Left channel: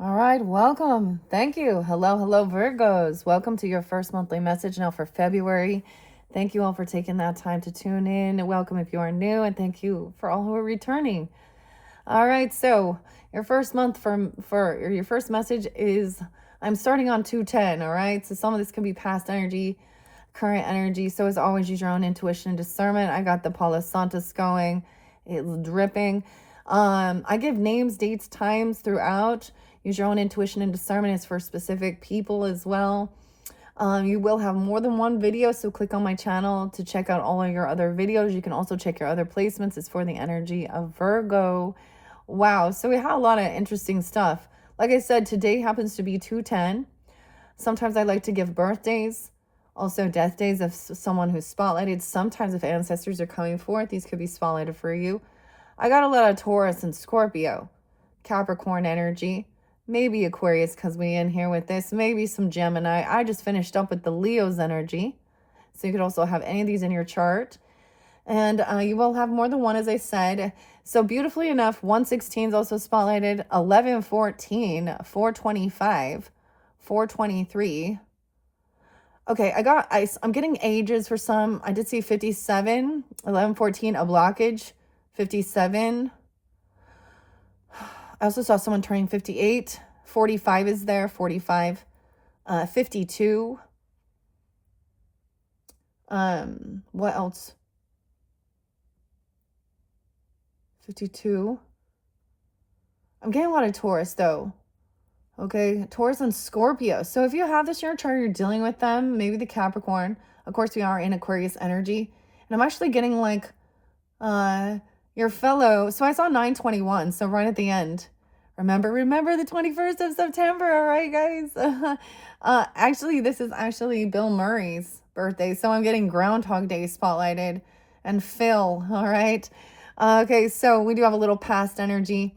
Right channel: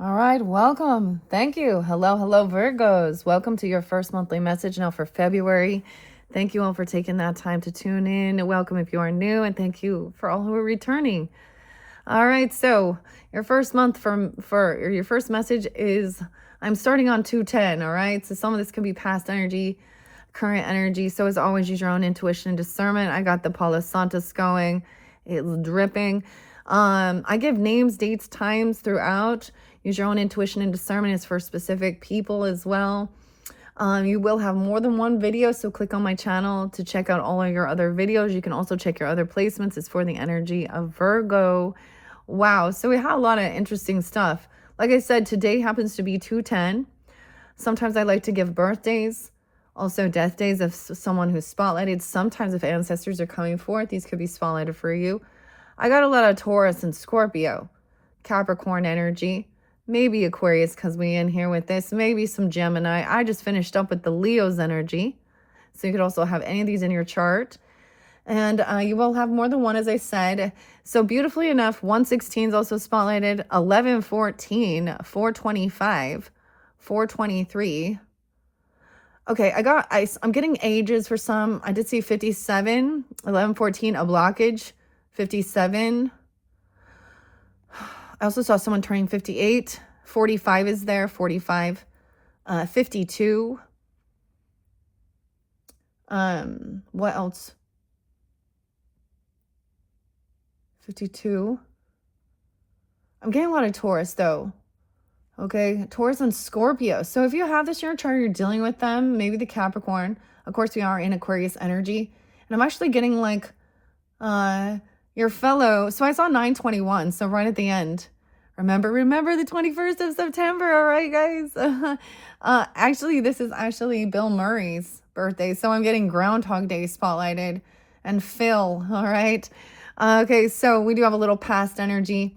All right, welcome. Thank you. Hello, Virgos. Welcome to your first monthly message now for February. Thank you all for taking that time to tune in. Welcome if you are new, and thank you for all who are returning. All right, so your first month for your first message is I'm starting on 210. All right, so some of this can be past energy, current energy. So as always, use your own intuition and discernment. I got the Palo Santos going. It's dripping. I give names, dates, times throughout. Use your own intuition and discernment. It's for specific people as well. You will have more than one video, so click on my channel to check out all of your other videos. You can also check your other placements. It's for the energy of Virgo. Wow, so we had a lot of interesting stuff. Like I said, today happens to be 210. Sometimes I like to give birthdays, also death days of someone who's spotlighted. Sometimes if ancestors are coming forth, these could be spotlighted for you. I got a lot of Taurus and Scorpio, Capricorn energy, maybe Aquarius because we in here with this, maybe some Gemini. I just finished up with the Leo's energy. So you could also have any of these in your chart. And you will have more than one, as I said. So beautifully enough, 116 is also spotlighted, 1114, 425, 423. Okay, I'm getting ages for some. I did see 57, 1114, a blockage, 57. I also saw someone turning 58. 45 is there, 45. 52. What else? 52. I'm getting a lot of Taurus though. Okay, Taurus and Scorpio. So if you have this in your chart, you're dealing with them, maybe the Capricorn. Of course, we are in Aquarius energy. And I'm actually getting like your fellow. So I saw 921, so right at the end. Remember the 21st of September, all right, guys? Actually, this is actually Bill Murray's birthday, so I'm getting Groundhog Day spotlighted. And Phil, all right? Okay, so we do have a little past energy.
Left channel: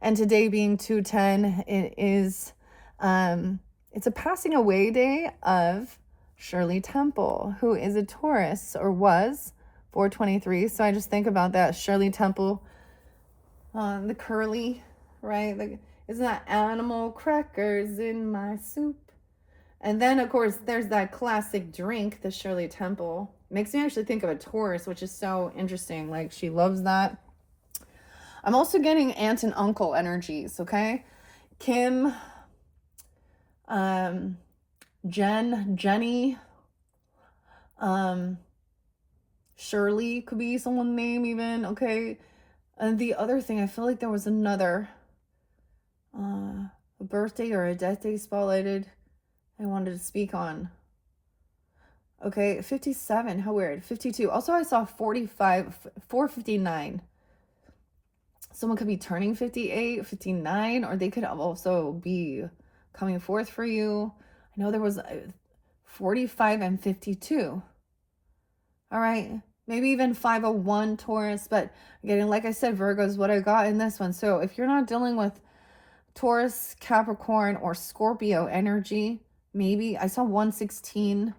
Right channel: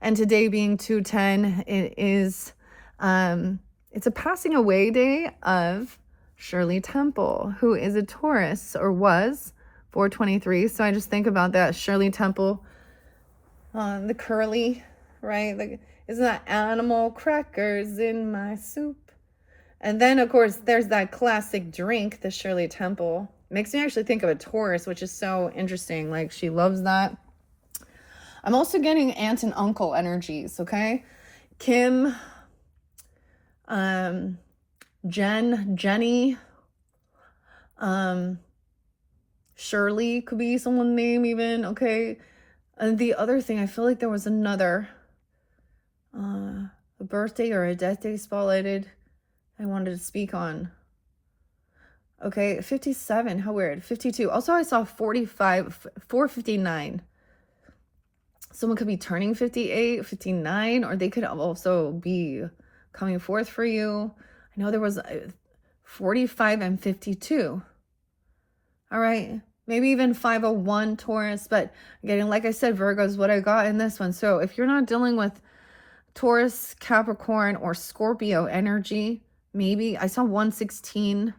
And today being 210, it is, it's a passing away day of Shirley Temple, who is a Taurus, or was, 423. So I just think about that. Shirley Temple, the curly, right? Like, isn't that animal crackers in my soup? And then, of course, there's that classic drink, the Shirley Temple. Makes me actually think of a Taurus, which is so interesting. Like, she loves that. I'm also getting aunt and uncle energies, okay? Kim, Jenny, Shirley could be someone's name even, okay? And the other thing, I feel like there was another, a birthday or a death day spotlighted I wanted to speak on. Okay, 57, how weird. 52. Also, I saw 45, 459. Someone could be turning 58, 59, or they could also be coming forth for you. I know there was 45 and 52. All right, maybe even 501 Taurus, but again, like I said, Virgo is what I got in this one. So if you're not dealing with Taurus, Capricorn, or Scorpio energy, maybe I saw 116.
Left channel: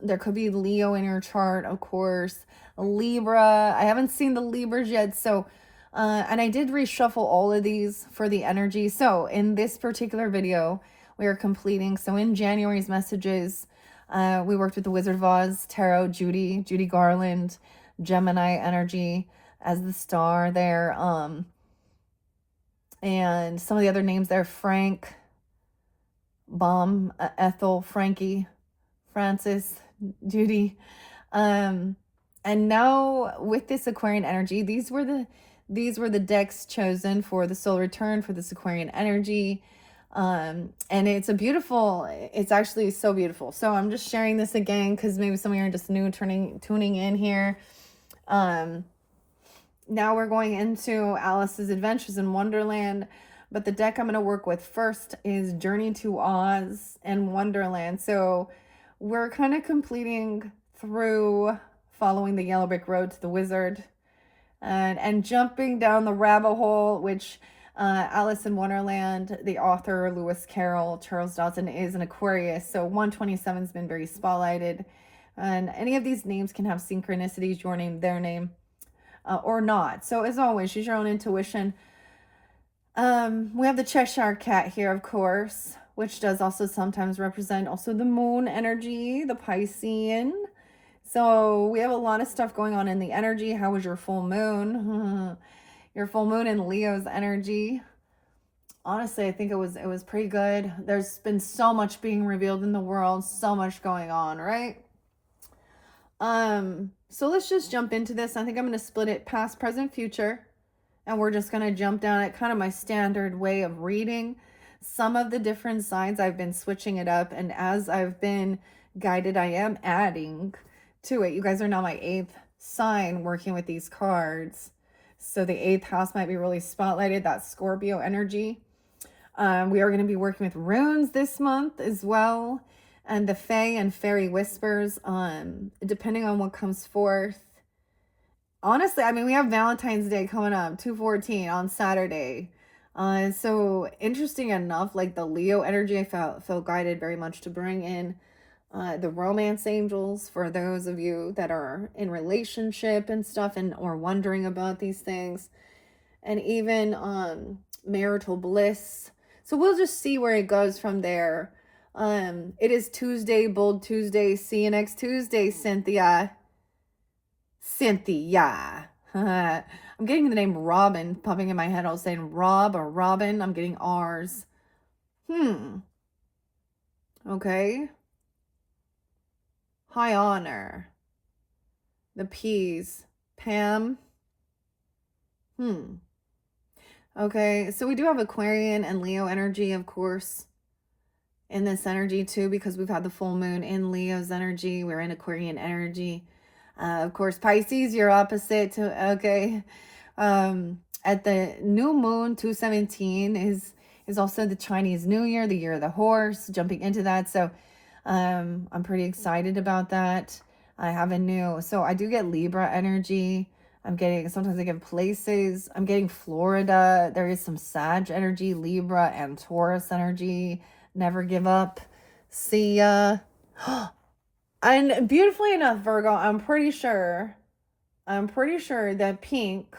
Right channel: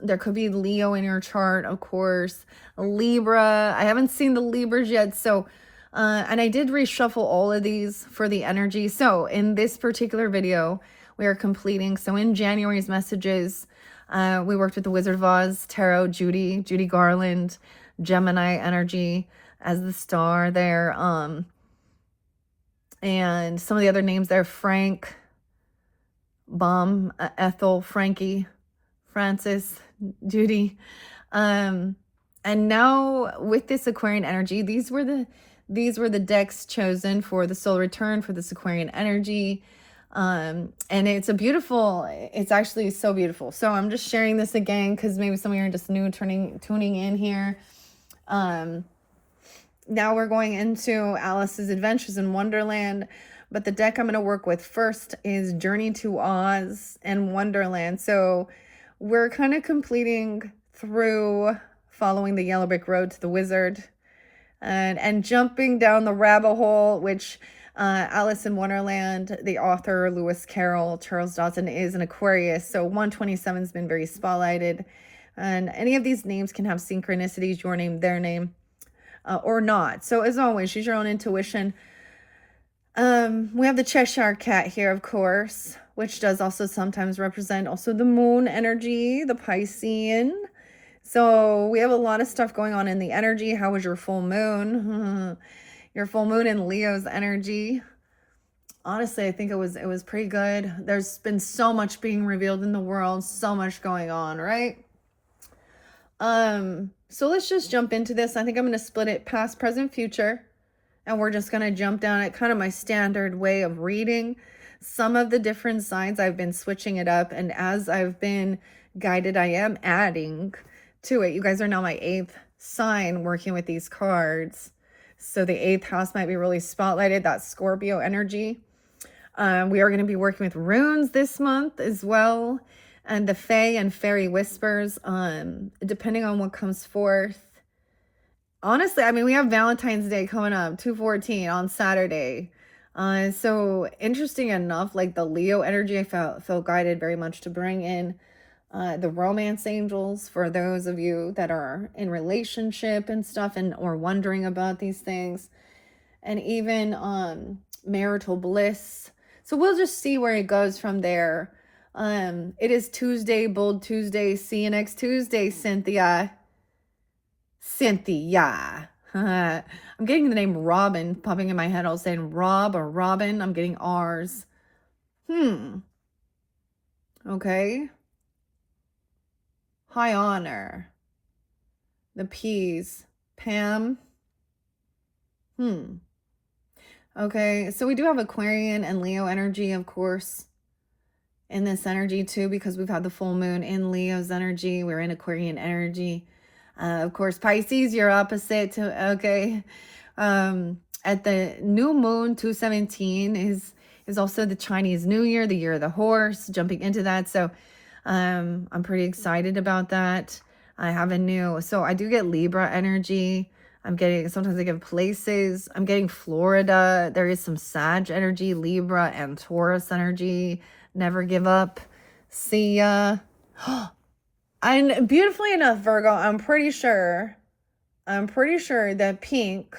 There could be Leo in your chart, of course. Libra. I haven't seen the Libras yet, so and I did reshuffle all of these for the energy. So in this particular video, we are completing. So in January's messages, we worked with the Wizard of Oz, Tarot, Judy Garland, Gemini energy as the star there. And some of the other names there, Frank, Ethel, Frankie, Francis, Judy. And now with this Aquarian energy, these were the decks chosen for the soul return for this Aquarian energy. And it's actually so beautiful. So I'm just sharing this again because maybe some of you are just new tuning in here. Now we're going into Alice's Adventures in Wonderland, but the deck I'm going to work with first is Journey to Oz and Wonderland. So we're kind of completing through following the yellow brick road to the wizard and jumping down the rabbit hole, which Alice in Wonderland, the author Lewis Carroll, Charles Dawson, is an Aquarius. So 127 has been very spotlighted. And any of these names can have synchronicities, your name, their name, or not. So as always, use your own intuition. We have the Cheshire Cat here, of course, which does also sometimes represent also the moon energy, the Piscean. So we have a lot of stuff going on in the energy. How was your full moon? Your full moon in Leo's energy. Honestly, I think it was pretty good. There's been so much being revealed in the world, so much going on, right? So let's just jump into this. I think I'm going to split it past, present, future, and we're just going to jump down at kind of my standard way of reading some of the different signs. I've been switching it up, and as I've been guided, I am adding to it. You guys are now my 8th sign working with these cards. So the 8th house might be really spotlighted, that Scorpio energy. We are going to be working with runes this month as well, and the Fae and Fairy Whispers, depending on what comes forth. Honestly, I mean, we have Valentine's Day coming up, 2/14 on Saturday. So interesting enough, like the Leo energy, I felt guided very much to bring in the romance angels for those of you that are in relationship and stuff, and or wondering about these things, and even marital bliss. So we'll just see where it goes from there. It is Tuesday, Bold Tuesday. See you next Tuesday, Cynthia. I'm getting the name Robin popping in my head. I was saying Rob or Robin. I'm getting R's. Okay. High honor. The P's. Pam. Okay, so we do have Aquarian and Leo energy, of course, in this energy too, because we've had the full moon in Leo's energy. We're in Aquarian energy. Of course, Pisces, you're opposite to, okay. At the new moon, 2/17 is also the Chinese New Year, the year of the horse, jumping into that. So I'm pretty excited about that. I have so I do get Libra energy. I'm getting, sometimes I get places. I'm getting Florida. There is some Sag energy, Libra and Taurus energy. Never give up. See ya. And beautifully enough, Virgo, I'm pretty sure that Pink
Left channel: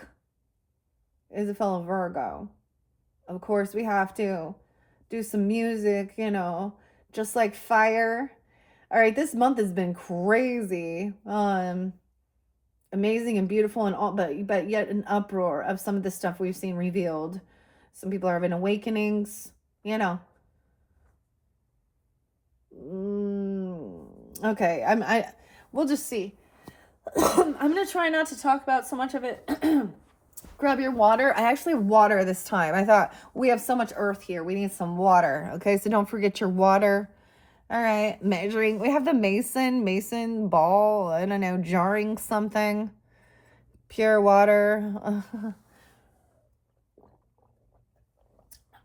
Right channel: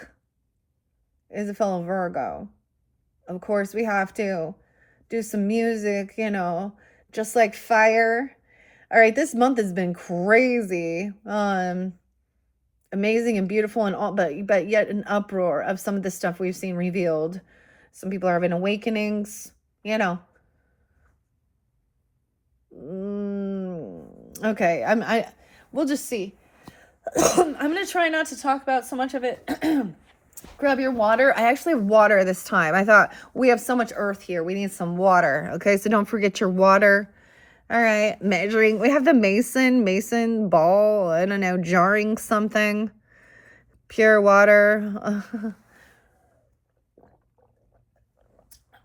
is a fellow Virgo. Of course, we have to do some music, just like fire. All right, this month has been crazy. Amazing and beautiful and all, but yet an uproar of some of the stuff we've seen revealed. Some people are having awakenings, Okay, we'll just see. I'm gonna try not to talk about so much of it. Grab your water. I actually have water this time. I thought we have so much earth here. We need some water. Okay, so don't forget your water. All right, measuring. We have the mason ball. I don't know, jarring something. Pure water.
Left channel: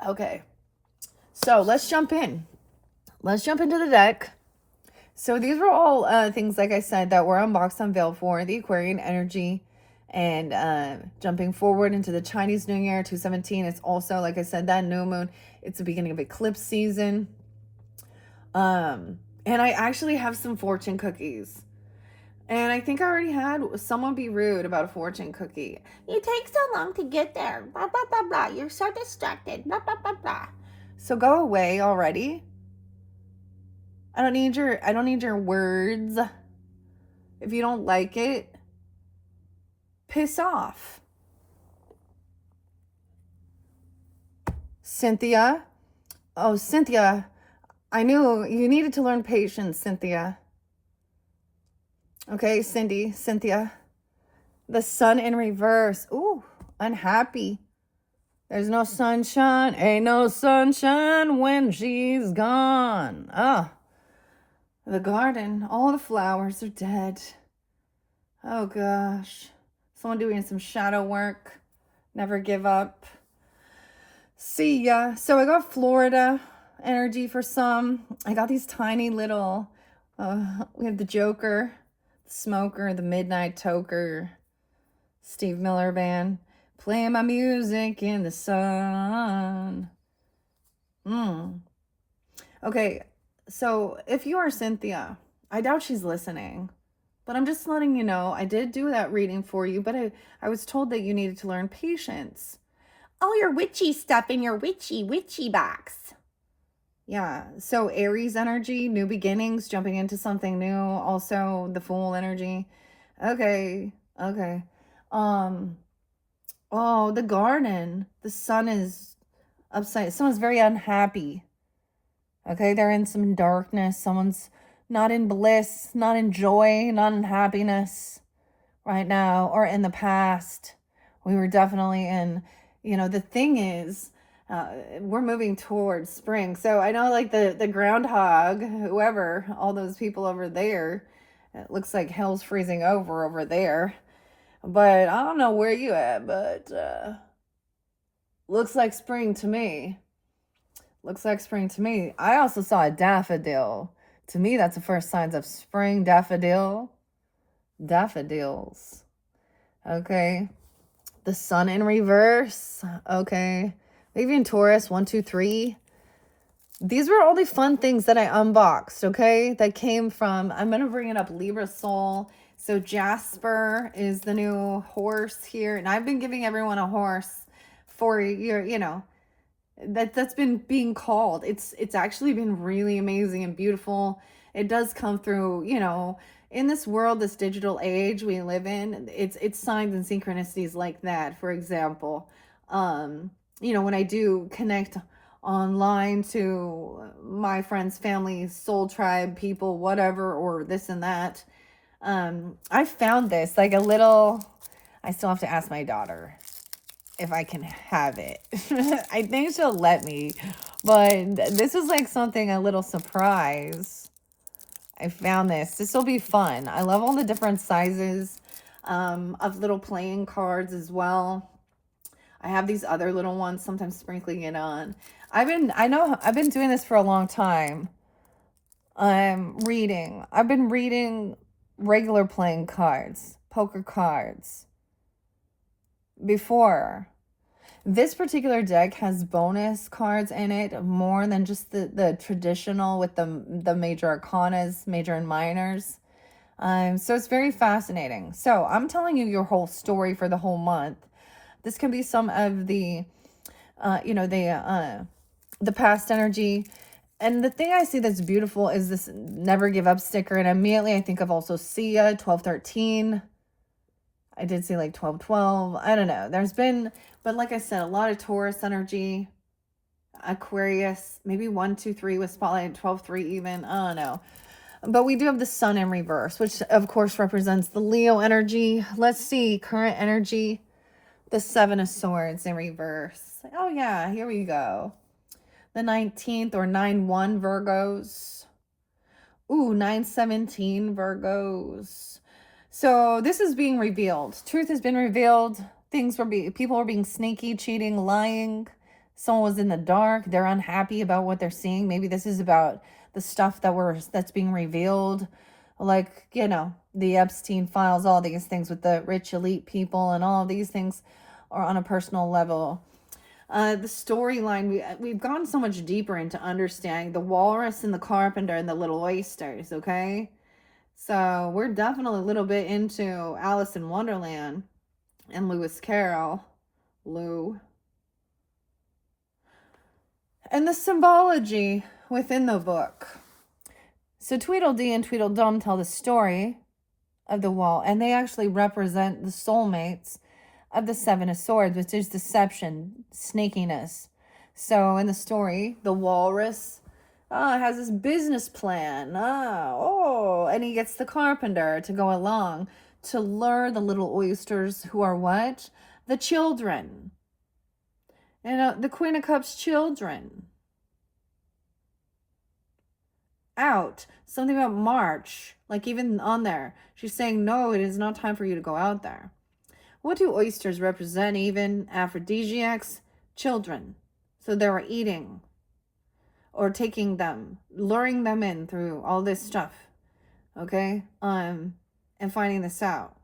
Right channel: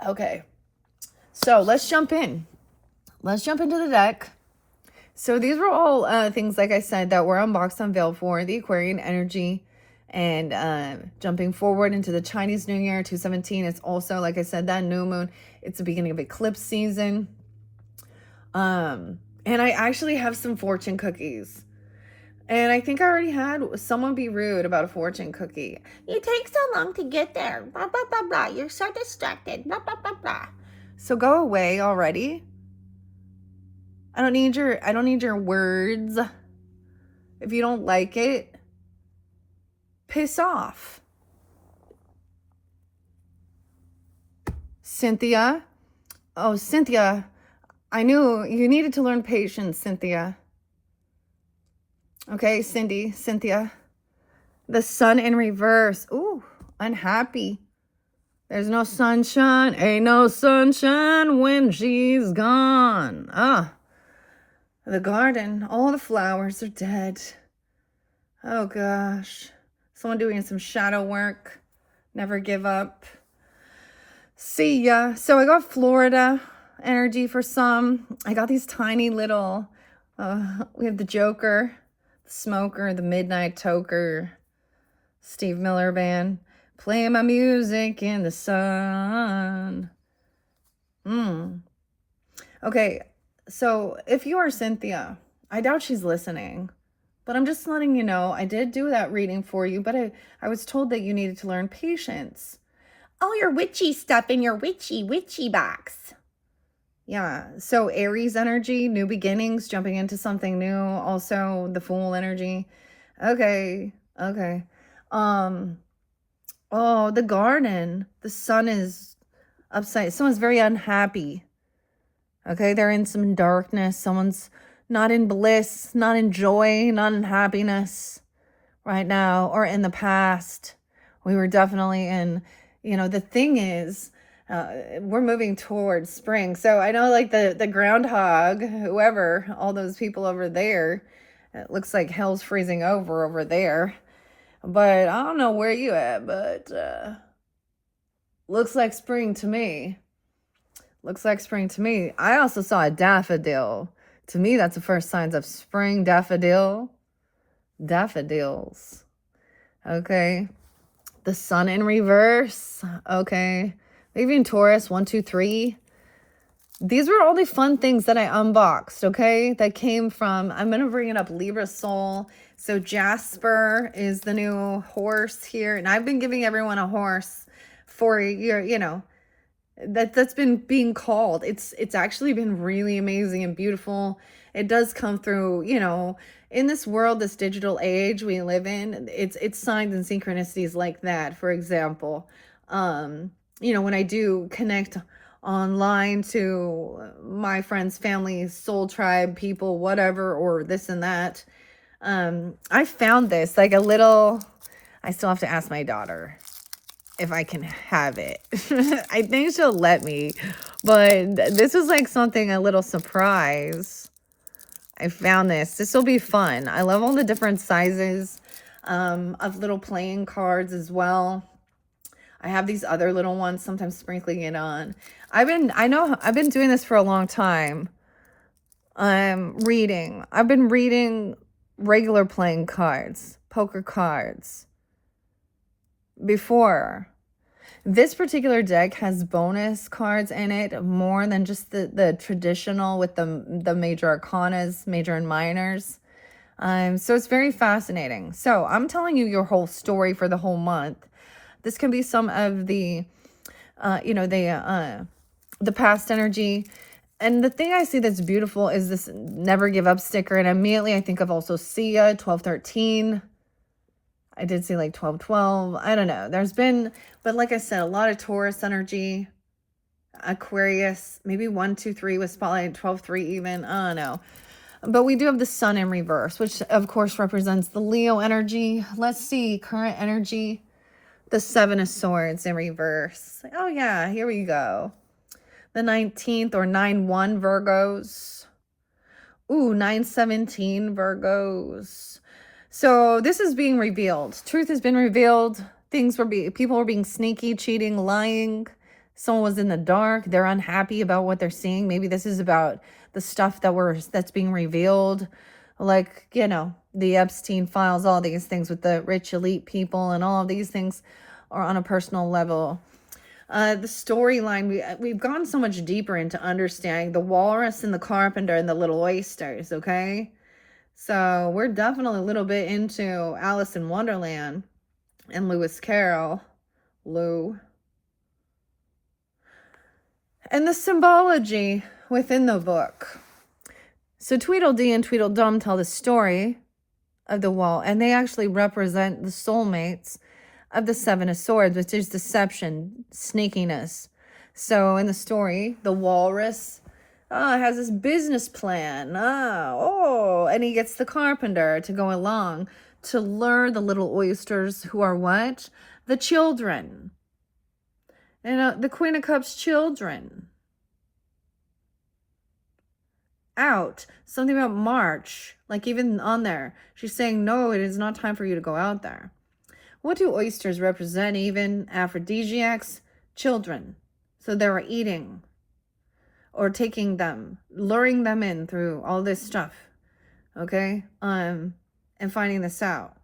Okay, so let's jump in. Let's jump into the deck. So these were all things, like I said, that were unboxed, unveiled for the Aquarian energy. And jumping forward into the Chinese New Year, 2/17. It's also, like I said, that new moon. It's the beginning of eclipse season. And I actually have some fortune cookies. And I think I already had someone be rude about a fortune cookie. You take so long to get there. Blah, blah, blah, blah. You're so distracted. Blah, blah, blah, blah. So go away already. I don't need your words. If you don't like it, piss off. Cynthia. Oh, Cynthia. I knew you needed to learn patience, Cynthia. Okay, Cynthia. The sun in reverse. Ooh, unhappy. There's no sunshine. Ain't no sunshine when she's gone. The garden. All the flowers are dead. Oh, gosh. Someone doing some shadow work. Never give up. See ya. So I got Florida energy for some. I got these tiny little, we have the Joker, the Smoker, the Midnight Toker, Steve Miller Band, playing my music in the sun. Okay, so if you are Cynthia, I doubt she's listening, but I'm just letting you know, I did do that reading for you, but I was told that you needed to learn patience. all your witchy stuff in your witchy box. Yeah. So Aries energy, new beginnings, jumping into something new. Also the Fool energy. Okay. Okay. Um, oh, the garden. The sun is upside. Someone's very unhappy. Okay, they're in some darkness. Someone's not in bliss, not in joy, not in happiness right now or in the past. We were definitely in, the thing is, we're moving towards spring. So I know like the groundhog, whoever, all those people over there, it looks like hell's freezing over there. But I don't know where you at, but looks like spring to me. Looks like spring to me. I also saw a daffodil. To me, that's the first signs of spring. Daffodil. Daffodils. Okay. The sun in reverse. Okay. Maybe in Taurus. 1, 2, 3. These were all the fun things that I unboxed. Okay. That came from, I'm going to bring it up, Libra Soul. So Jasper is the new horse here. And I've been giving everyone a horse for your, that's been being called. It's actually been really amazing and beautiful. It does come through, in this world, this digital age we live in, it's signs and synchronicities like that. For example, when I do connect online to my friends, family, soul tribe, people, whatever, or this and that, I found this like a little, I still have to ask my daughter if I can have it. I think she'll let me, but this was like something, a little surprise. I found this. This will be fun. I love all the different sizes of little playing cards as well. I have these other little ones, sometimes sprinkling it on. I've been doing this for a long time. Reading. I've been reading regular playing cards, poker cards before. This particular deck has bonus cards in it more than just the traditional with the major arcanas, major and minors. So it's very fascinating. So I'm telling you your whole story for the whole month. This can be some of the, the past energy. And the thing I see that's beautiful is this never give up sticker. And immediately I think of also Sia, 1213. I did see like 1212. I don't know. There's been, but like I said, a lot of Taurus energy, Aquarius, maybe 1, 2, 3 with spotlight, 12, 3 even. I don't know. But we do have the sun in reverse, which of course represents the Leo energy. Let's see, current energy, the 7 of Swords in reverse. Oh yeah, here we go. The 19th or 9-1 Virgos. Ooh, 9-17 Virgos. So this is being revealed. Truth has been revealed. People were being sneaky, cheating, lying. Someone was in the dark. They're unhappy about what they're seeing. Maybe this is about the stuff that's being revealed. Like, the Epstein files, all these things with the rich elite people and all of these things are on a personal level. The storyline, we've gone so much deeper into understanding the walrus and the carpenter and the little oysters, okay? So we're definitely a little bit into Alice in Wonderland and Lewis Carroll, Lou. And the symbology within the book. So Tweedledee and Tweedledum tell the story of the wall, and they actually represent the soulmates of the 7 of Swords, which is deception, sneakiness. So in the story, the walrus has this business plan. And he gets the carpenter to go along to lure the little oysters who are what? The children. And the Queen of Cups children. Out. Something about March. Like even on there. She's saying, no, it is not time for you to go out there. What do oysters represent even? Aphrodisiacs? Children. So they're eating. Or taking them. Luring them in through all this stuff. Okay? And finding this out.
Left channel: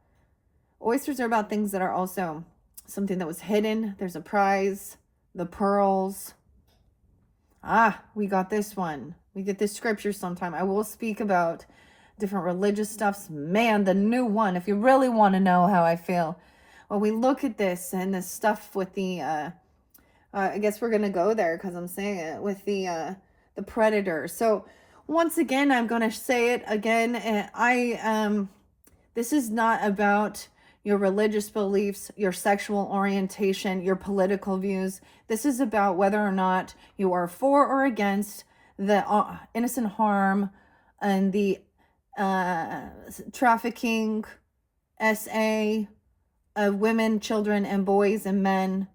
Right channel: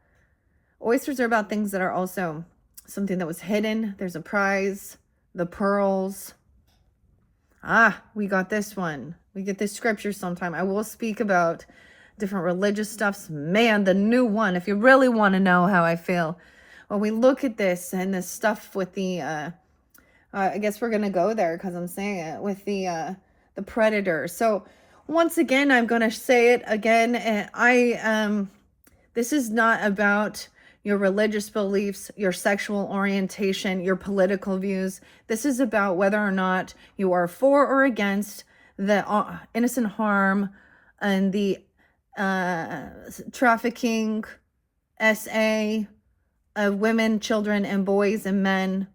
Oysters are about things that are also something that was hidden. There's a prize. The pearls. We got this one. We get this scripture sometime. I will speak about different religious stuffs. Man, the new one, if you really want to know how I feel. When we look at this and this stuff with the I guess we're going to go there because I'm saying it with the predator. So once again, I'm going to say it again. And this is not about your religious beliefs, your sexual orientation, your political views. This is about whether or not you are for or against the innocent harm and the trafficking, SA, of women, children, and boys and men.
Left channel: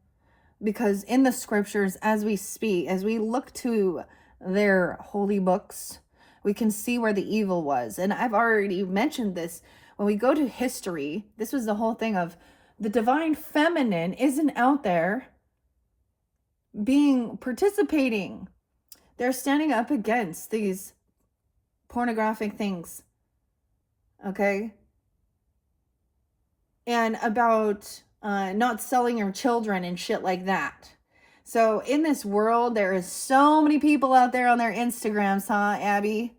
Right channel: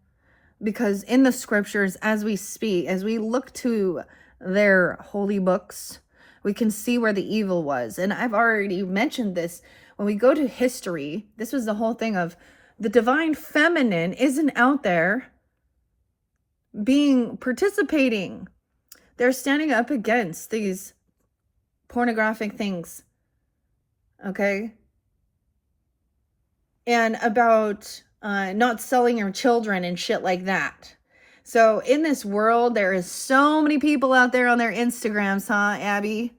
Because in the scriptures, as we speak, as we look to their holy books, we can see where the evil was. And I've already mentioned this. When we go to history, this was the whole thing of the divine feminine isn't out there participating. They're standing up against these pornographic things. Okay? And about not selling your children and shit like that. So in this world, there is so many people out there on their Instagrams, huh, Abby?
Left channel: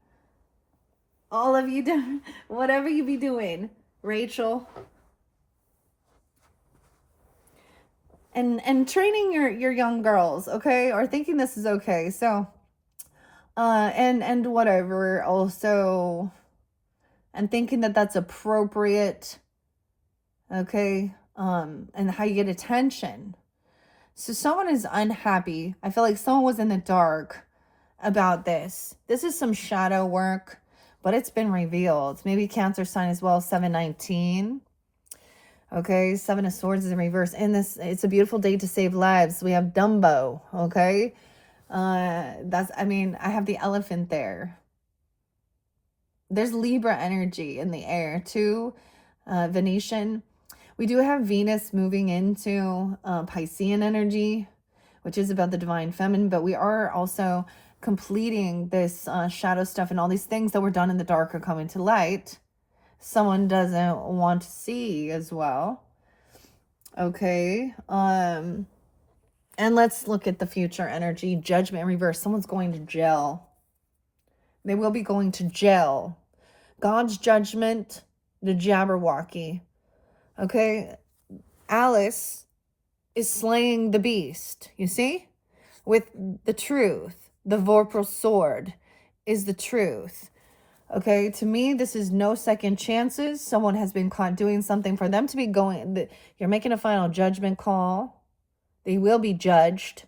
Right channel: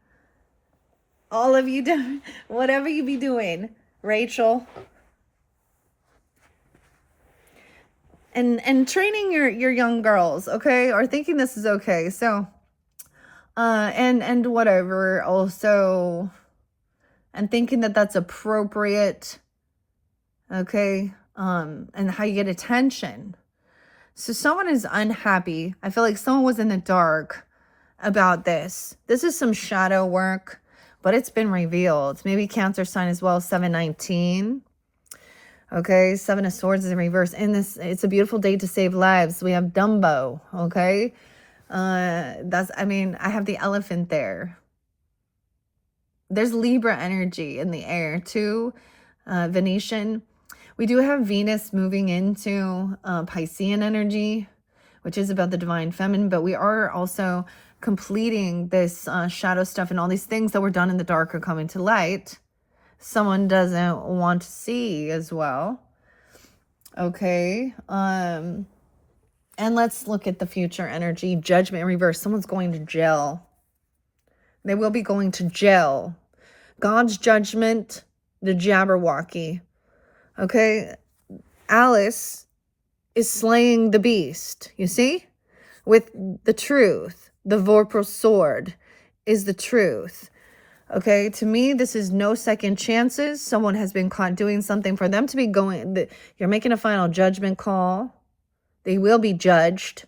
All of you do whatever you be doing, Rachel. And training your young girls, okay, or thinking this is okay. So and whatever also, and thinking that that's appropriate, okay, and how you get attention. So someone is unhappy. I feel like someone was in the dark about this. This is some shadow work, but it's been revealed. Maybe Cancer sign as well, 719. Okay, 7 of Swords is in reverse. In this, it's a beautiful day to save lives. We have Dumbo, okay? I have the elephant there. There's Libra energy in the air too, Venetian. We do have Venus moving into Piscean energy, which is about the divine feminine, but we are also completing this shadow stuff, and all these things that were done in the dark are coming to light. Someone doesn't want to see as well. Okay. And let's look at the future energy. Judgment in reverse. Someone's going to jail. They will be going to jail. God's judgment, the Jabberwocky. Okay, Alice is slaying the beast, you see? With the truth. The Vorpal sword is the truth. Okay, to me, this is no second chances. Someone has been caught doing something for them to be going. You're making a final judgment call. They will be judged.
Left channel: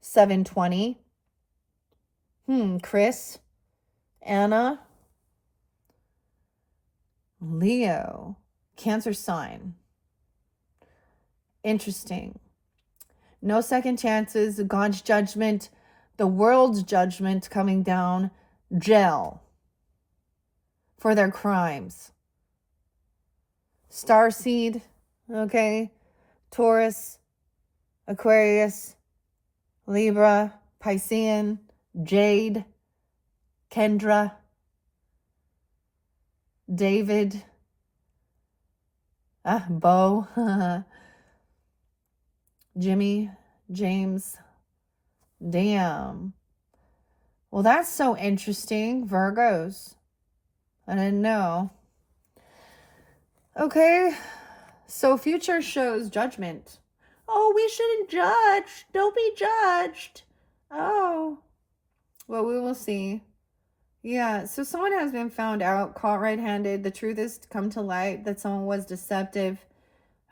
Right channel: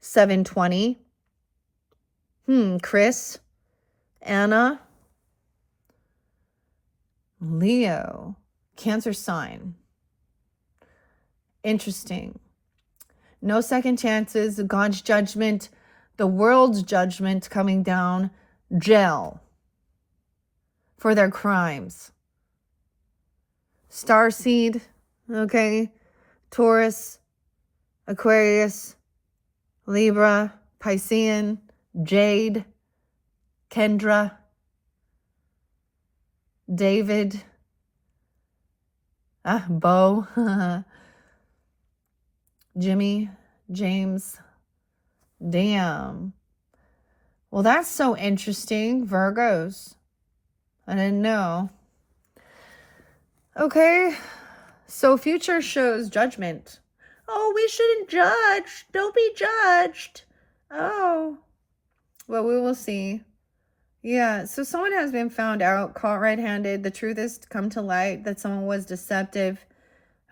720. Chris. Anna. Leo. Cancer sign. Interesting. No second chances. God's judgment. The world's judgment coming down. Jail. For their crimes. Starseed. Okay. Taurus. Aquarius. Libra. Piscean. Jade. Kendra. David. Bo. Jimmy. James. Damn. Well, that's so interesting. Virgos. I didn't know. Okay. So future shows judgment. Oh, we shouldn't judge. Don't be judged. Oh. Well, we will see. Yeah, so someone has been found out, caught red-handed. The truth has come to light that someone was deceptive.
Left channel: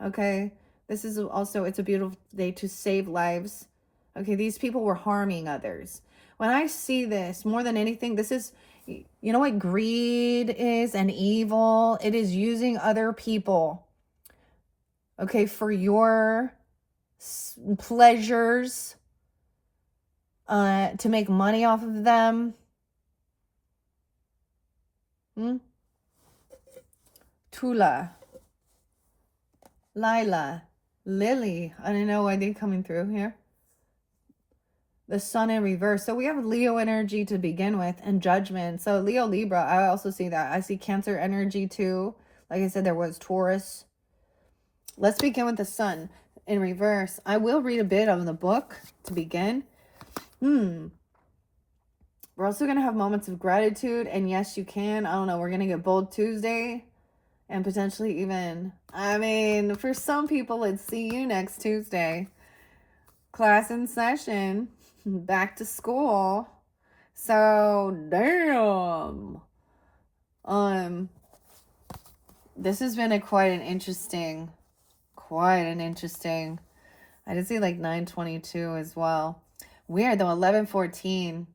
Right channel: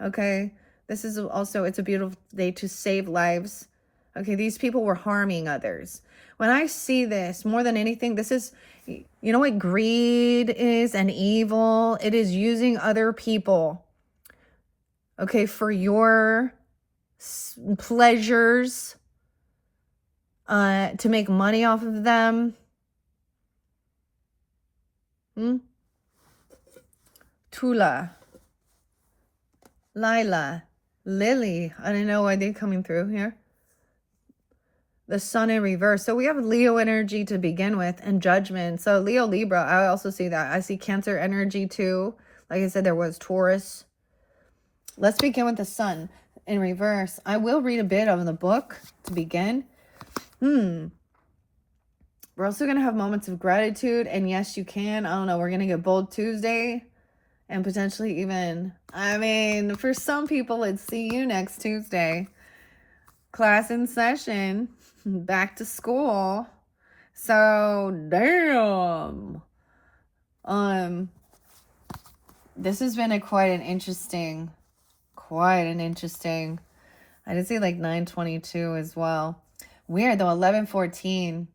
Okay, this is also, it's a beautiful day to save lives. Okay, these people were harming others. When I see this, more than anything, this is, you know what greed is and evil? It is using other people, okay, for your pleasures, to make money off of them. Tula, Lila, Lily. I don't know why they're coming through here. The sun in reverse. So we have Leo energy to begin with and judgment. So Leo, Libra, I also see that. I see Cancer energy too. Like I said, there was Taurus. Let's begin with the sun in reverse. I will read a bit of the book to begin. We're also going to have moments of gratitude. And yes, you can. I don't know. We're going to get Bold Tuesday. And potentially even, I mean, for some people, it's see you next Tuesday. Class in session. Back to school. So, damn. This has been quite an interesting. I did see like 922 as well. Weird though, 1114.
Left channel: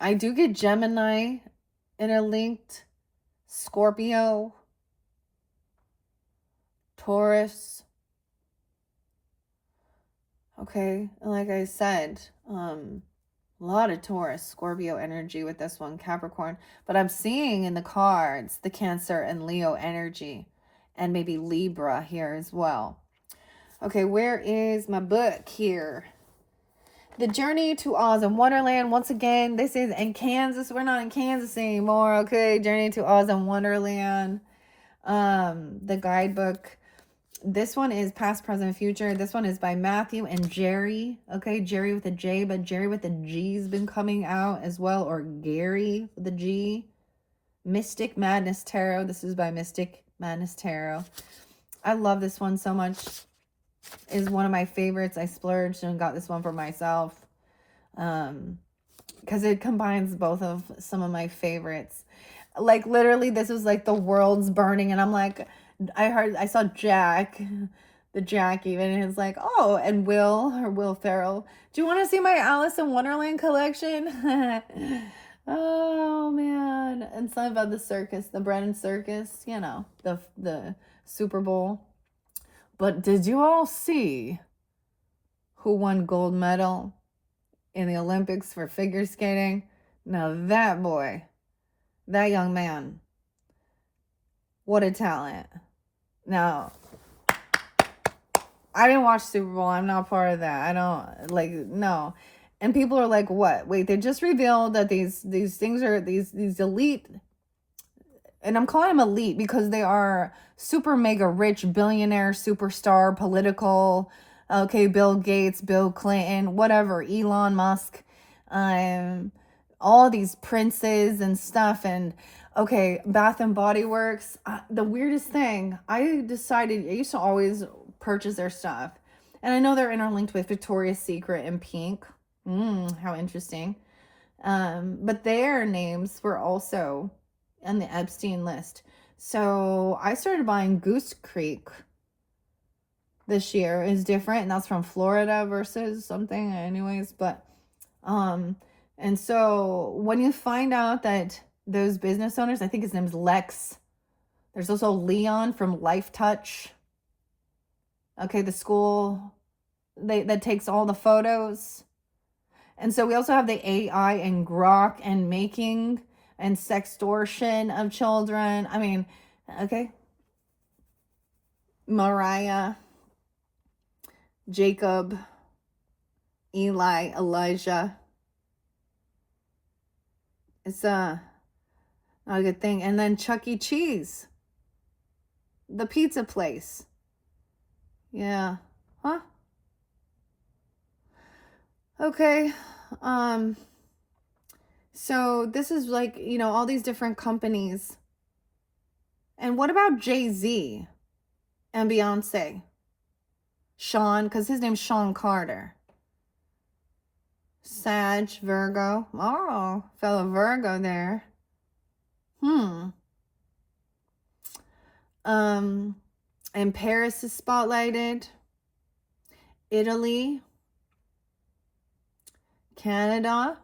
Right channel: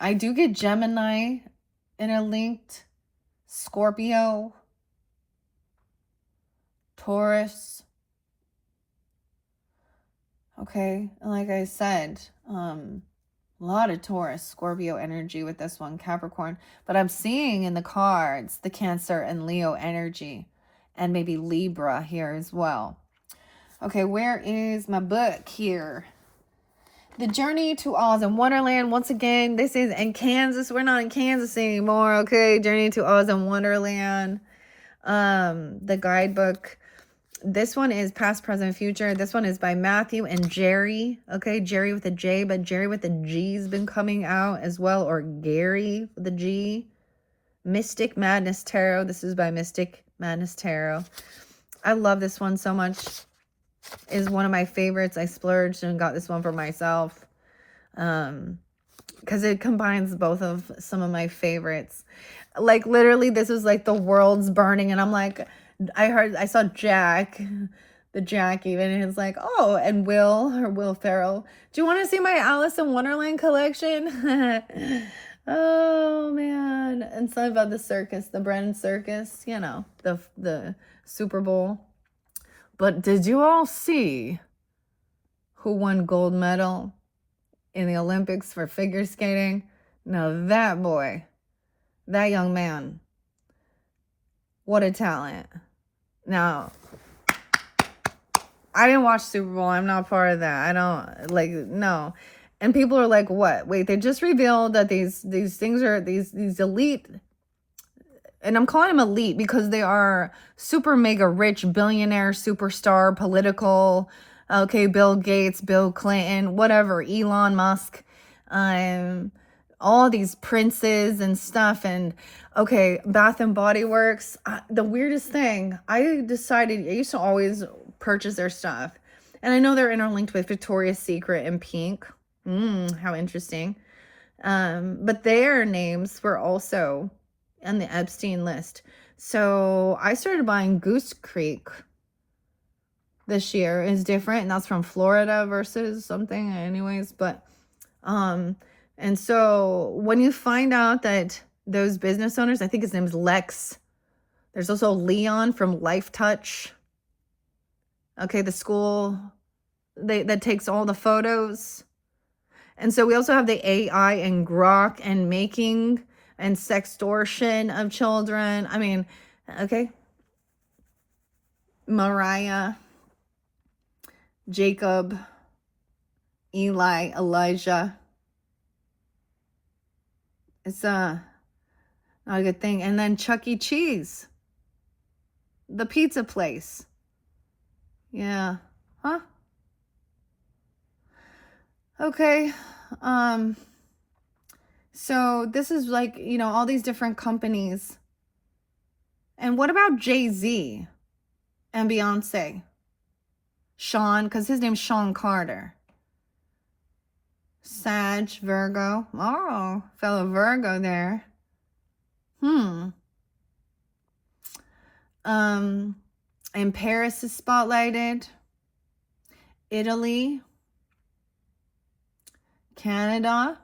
I do get Gemini in a linked, Scorpio, Taurus. Okay, like I said, a lot of Taurus, Scorpio energy with this one, Capricorn. But I'm seeing in the cards the Cancer and Leo energy, and maybe Libra here as well. Okay, where is my book here? The Journey to Oz and Wonderland. Once again, this is in Kansas. We're not in Kansas anymore, okay? Journey to Oz and Wonderland. The guidebook. This one is Past, Present, Future. This one is by Matthew and Jerry. Okay, Jerry with a J, but Jerry with a G's been coming out as well, or Gary with a G. Mystic Madness Tarot. This is by Mystic Madness Tarot. I love this one so much. Is one of my favorites. I splurged and got this one for myself. Because it combines both of some of my favorites. Like literally this is like the world's burning and I'm like, I saw Jack, the Jack even, and it's like, oh, and Will Ferrell. Do you want to see my Alice in Wonderland collection? Oh man. And something about the circus, the Brennan Circus, you know, the Super Bowl. But did you all see who won gold medal in the Olympics for figure skating? Now that boy, that young man, what a talent. Now, I didn't watch Super Bowl. I'm not part of that. I don't, like, no. And people are like, what? Wait, they just revealed that these things are, these elite, and I'm calling them elite because they are super mega rich, billionaire, superstar, political, okay, Bill Gates, Bill Clinton, whatever, Elon Musk, all these princes and stuff. And okay, Bath and Body Works, the weirdest thing, I used to always purchase their stuff. And I know they're interlinked with Victoria's Secret and Pink. How interesting. But their names were also on the Epstein list. So I started buying Goose Creek this year. Is different, and that's from Florida versus something anyways. But and so when you find out that those business owners, I think his name's Lex, there's also Leon from Life Touch, okay, the school that takes all the photos. And so we also have the AI and Grok and making and sextortion of children. I mean, okay. Mariah, Jacob, Eli, Elijah. It's not a good thing. And then Chuck E. Cheese, the pizza place. Yeah. Huh? Okay. So this is like, you know, all these different companies. And what about Jay-Z and Beyonce? Sean, because his name's Sean Carter. Sag, Virgo. Oh, fellow Virgo there. And Paris is spotlighted. Italy. Canada.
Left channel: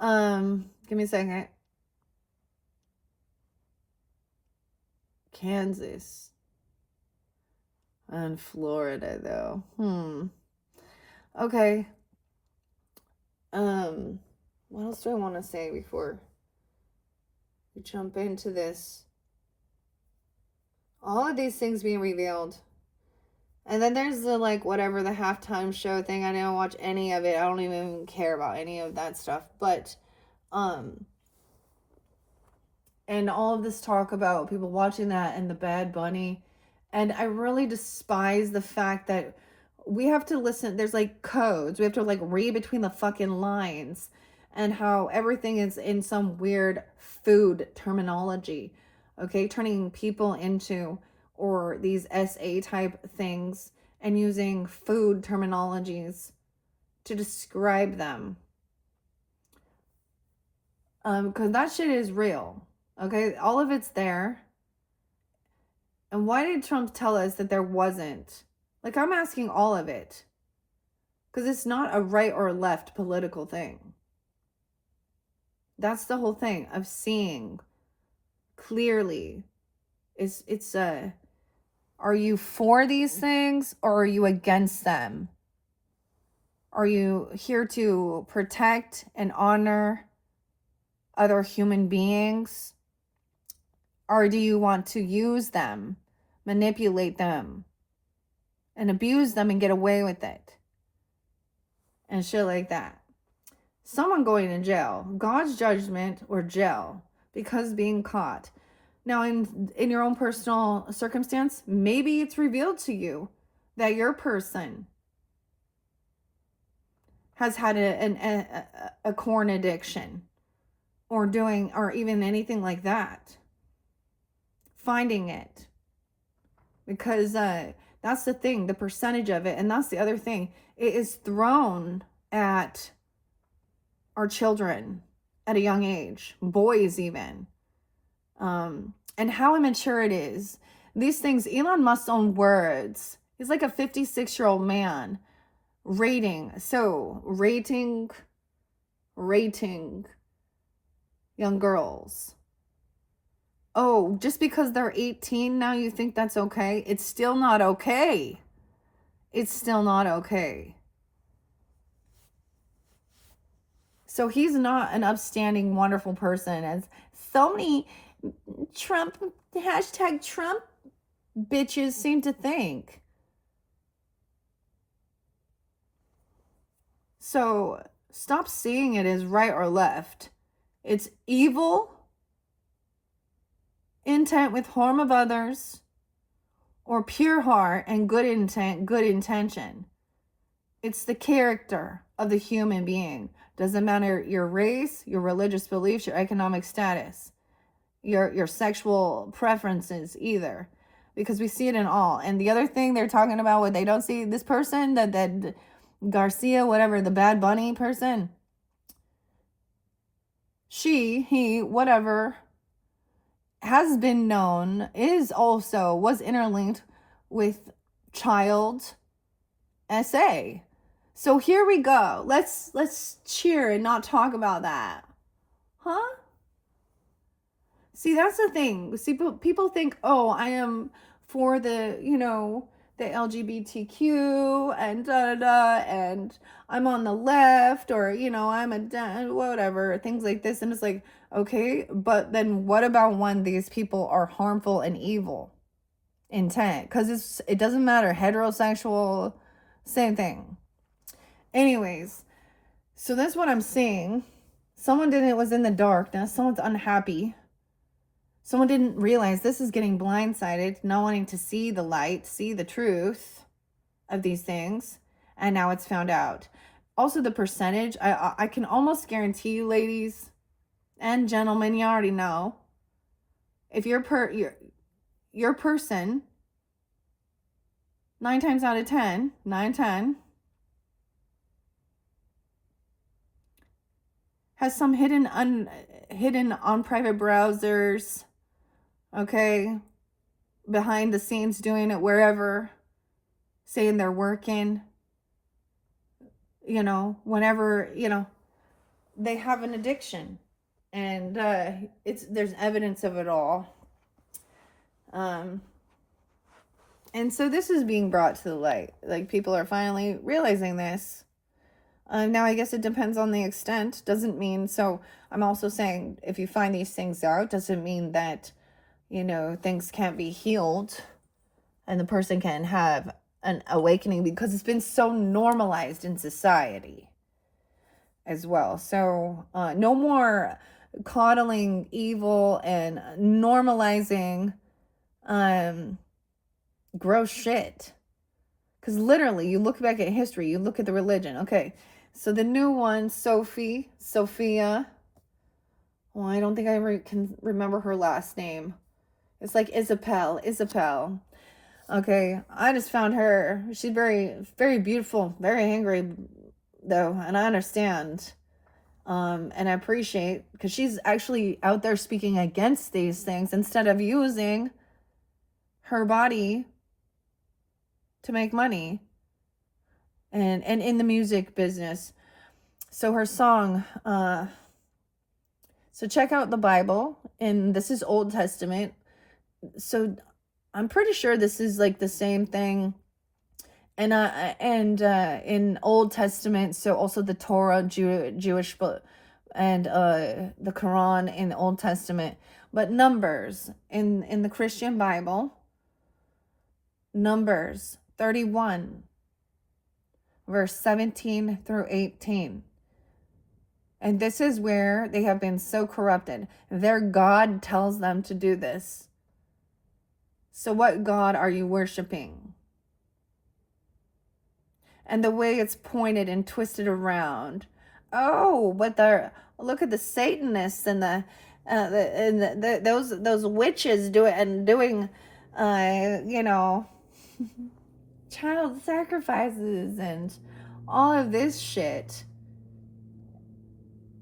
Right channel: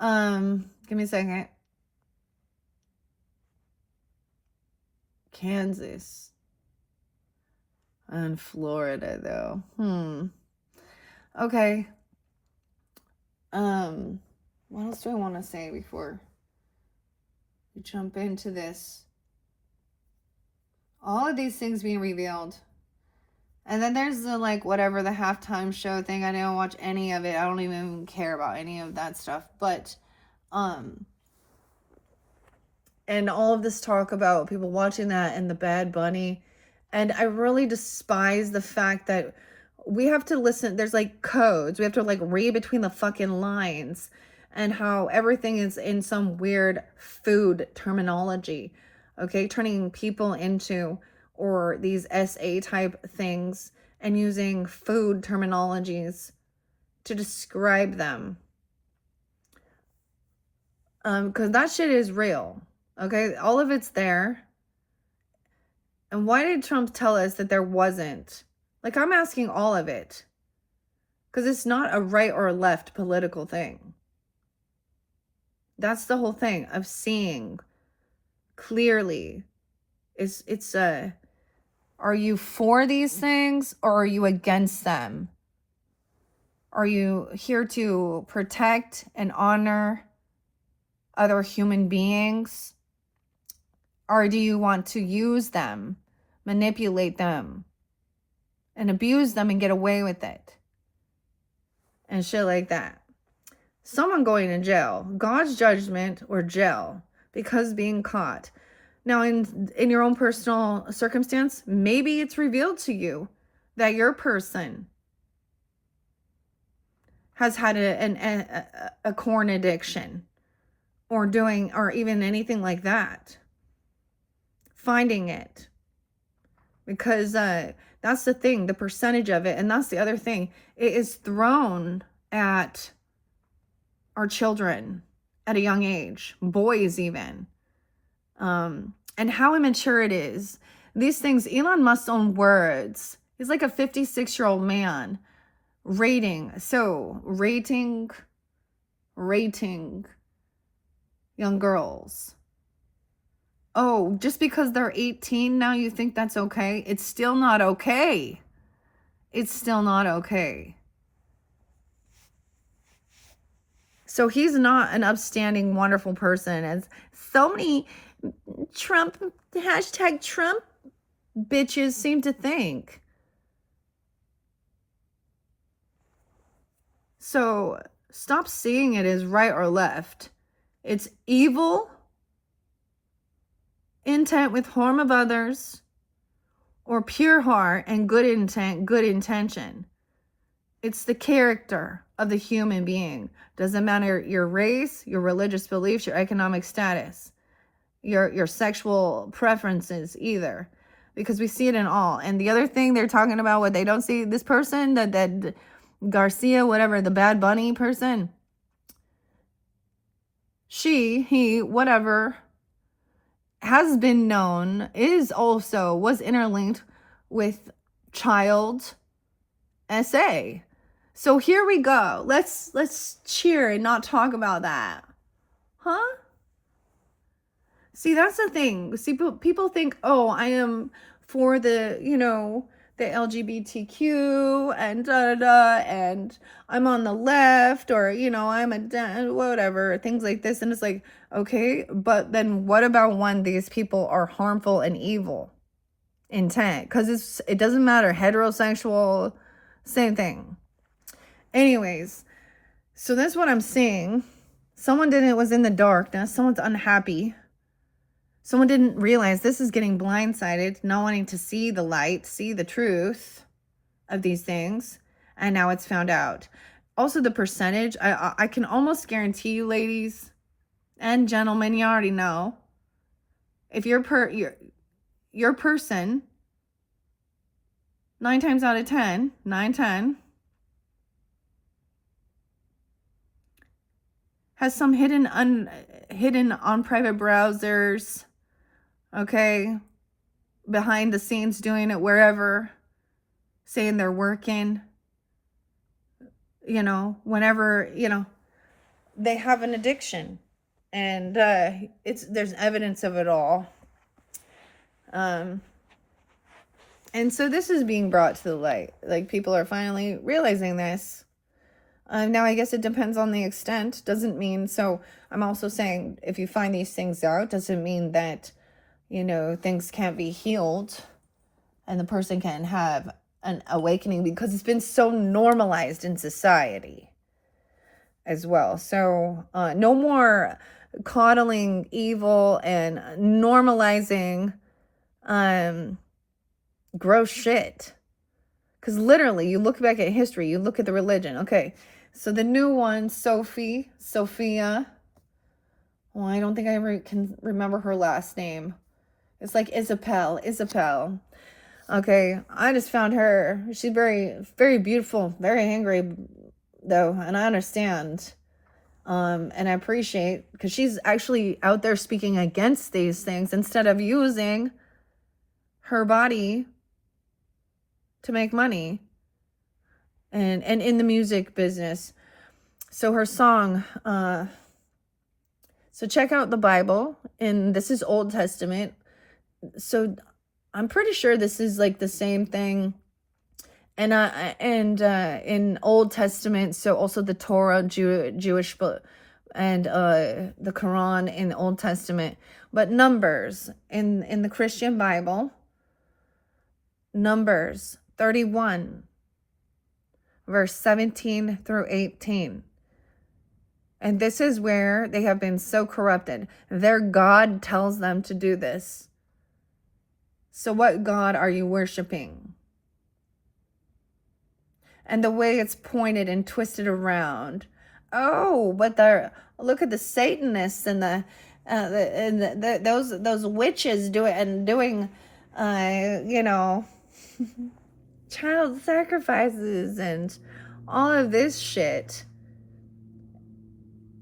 Give me a second. Kansas. And Florida though. Okay. What else do I want to say before we jump into this? All of these things being revealed. And then there's the, like, whatever, the halftime show thing. I didn't watch any of it. I don't even care about any of that stuff. But, and all of this talk about people watching that and the Bad Bunny. And I really despise the fact that we have to listen. There's like codes. We have to like read between the fucking lines. and how everything is in some weird food terminology, okay? Turning people into, or these SA type things, and using food terminologies to describe them. Because that shit is real, okay? All of it's there. And why did Trump tell us that there wasn't? Like, I'm asking all of it. Because it's not a right or left political thing. That's the whole thing of seeing clearly. Are you for these things or are you against them? Are you here to protect and honor other human beings? Or do you want to use them, manipulate them, and abuse them and get away with it? And shit like that. Someone going to jail, God's judgment or jail, because being caught. Now, in your own personal circumstance, maybe it's revealed to you that your person has had a corn addiction or even anything like that. Finding it. Because that's the thing, the percentage of it. And that's the other thing. It is thrown at our children at a young age, boys even. And how immature it is. These things, Elon Musk's own words. He's like a 56-year-old man rating young girls. Oh, just because they're 18 now you think that's okay? It's still not okay. It's still not okay. So he's not an upstanding, wonderful person, as so many Trump bitches seem to think. So stop seeing it as right or left. It's evil intent with harm of others, or pure heart and good intent, good intention. It's the character of the human being. Doesn't matter your race, your religious beliefs, your economic status, your sexual preferences either, because we see it in all. And the other thing they're talking about, what they don't see, this person, that Garcia, whatever, the Bad Bunny person, she, he, whatever, has been known, was interlinked with child SA. So here we go. Let's cheer and not talk about that. Huh? See, that's the thing. See, people think, oh, I am for the, the LGBTQ and and I'm on the left, or, I'm whatever, things like this. And it's like, okay, but then what about when these people are harmful and evil intent? Because it doesn't matter, heterosexual, same thing. Anyways, so that's what I'm seeing. Someone was in the darkness. Someone's unhappy. Someone didn't realize this is getting blindsided, not wanting to see the light, see the truth of these things. And now it's found out. Also, the percentage, I can almost guarantee you, ladies and gentlemen, you already know, if your person, 9 times out of 10, 9-10, has some hidden on private browsers, okay, behind the scenes doing it wherever, saying they're working, whenever, they have an addiction, and there's evidence of it all. And so this is being brought to the light. Like, people are finally realizing this. Now, I guess it depends on the extent. Doesn't mean, so I'm also saying, if you find these things out, doesn't mean that, things can't be healed and the person can have an awakening, because it's been so normalized in society as well. So no more coddling evil and normalizing gross shit. Because literally, you look back at history, you look at the religion. Okay, So the new one, Sophia. Well, I don't think I can remember her last name. It's like Isabel. Okay, I just found her. She's very, very beautiful, very angry, though, and I understand. And I appreciate, because she's actually out there speaking against these things instead of using her body to make money and in the music business. So her song, so check out the Bible, and this is Old Testament. So I'm pretty sure this is like the same thing. And in Old Testament, so also the Torah, Jewish book, and the Quran in the Old Testament. But Numbers in the Christian Bible, Numbers 31, verse 17 through 18. And this is where they have been so corrupted. Their God tells them to do this. So what God are you worshiping? And the way it's pointed and twisted around. Oh, but look at the Satanists and those witches doing child sacrifices and all of this shit.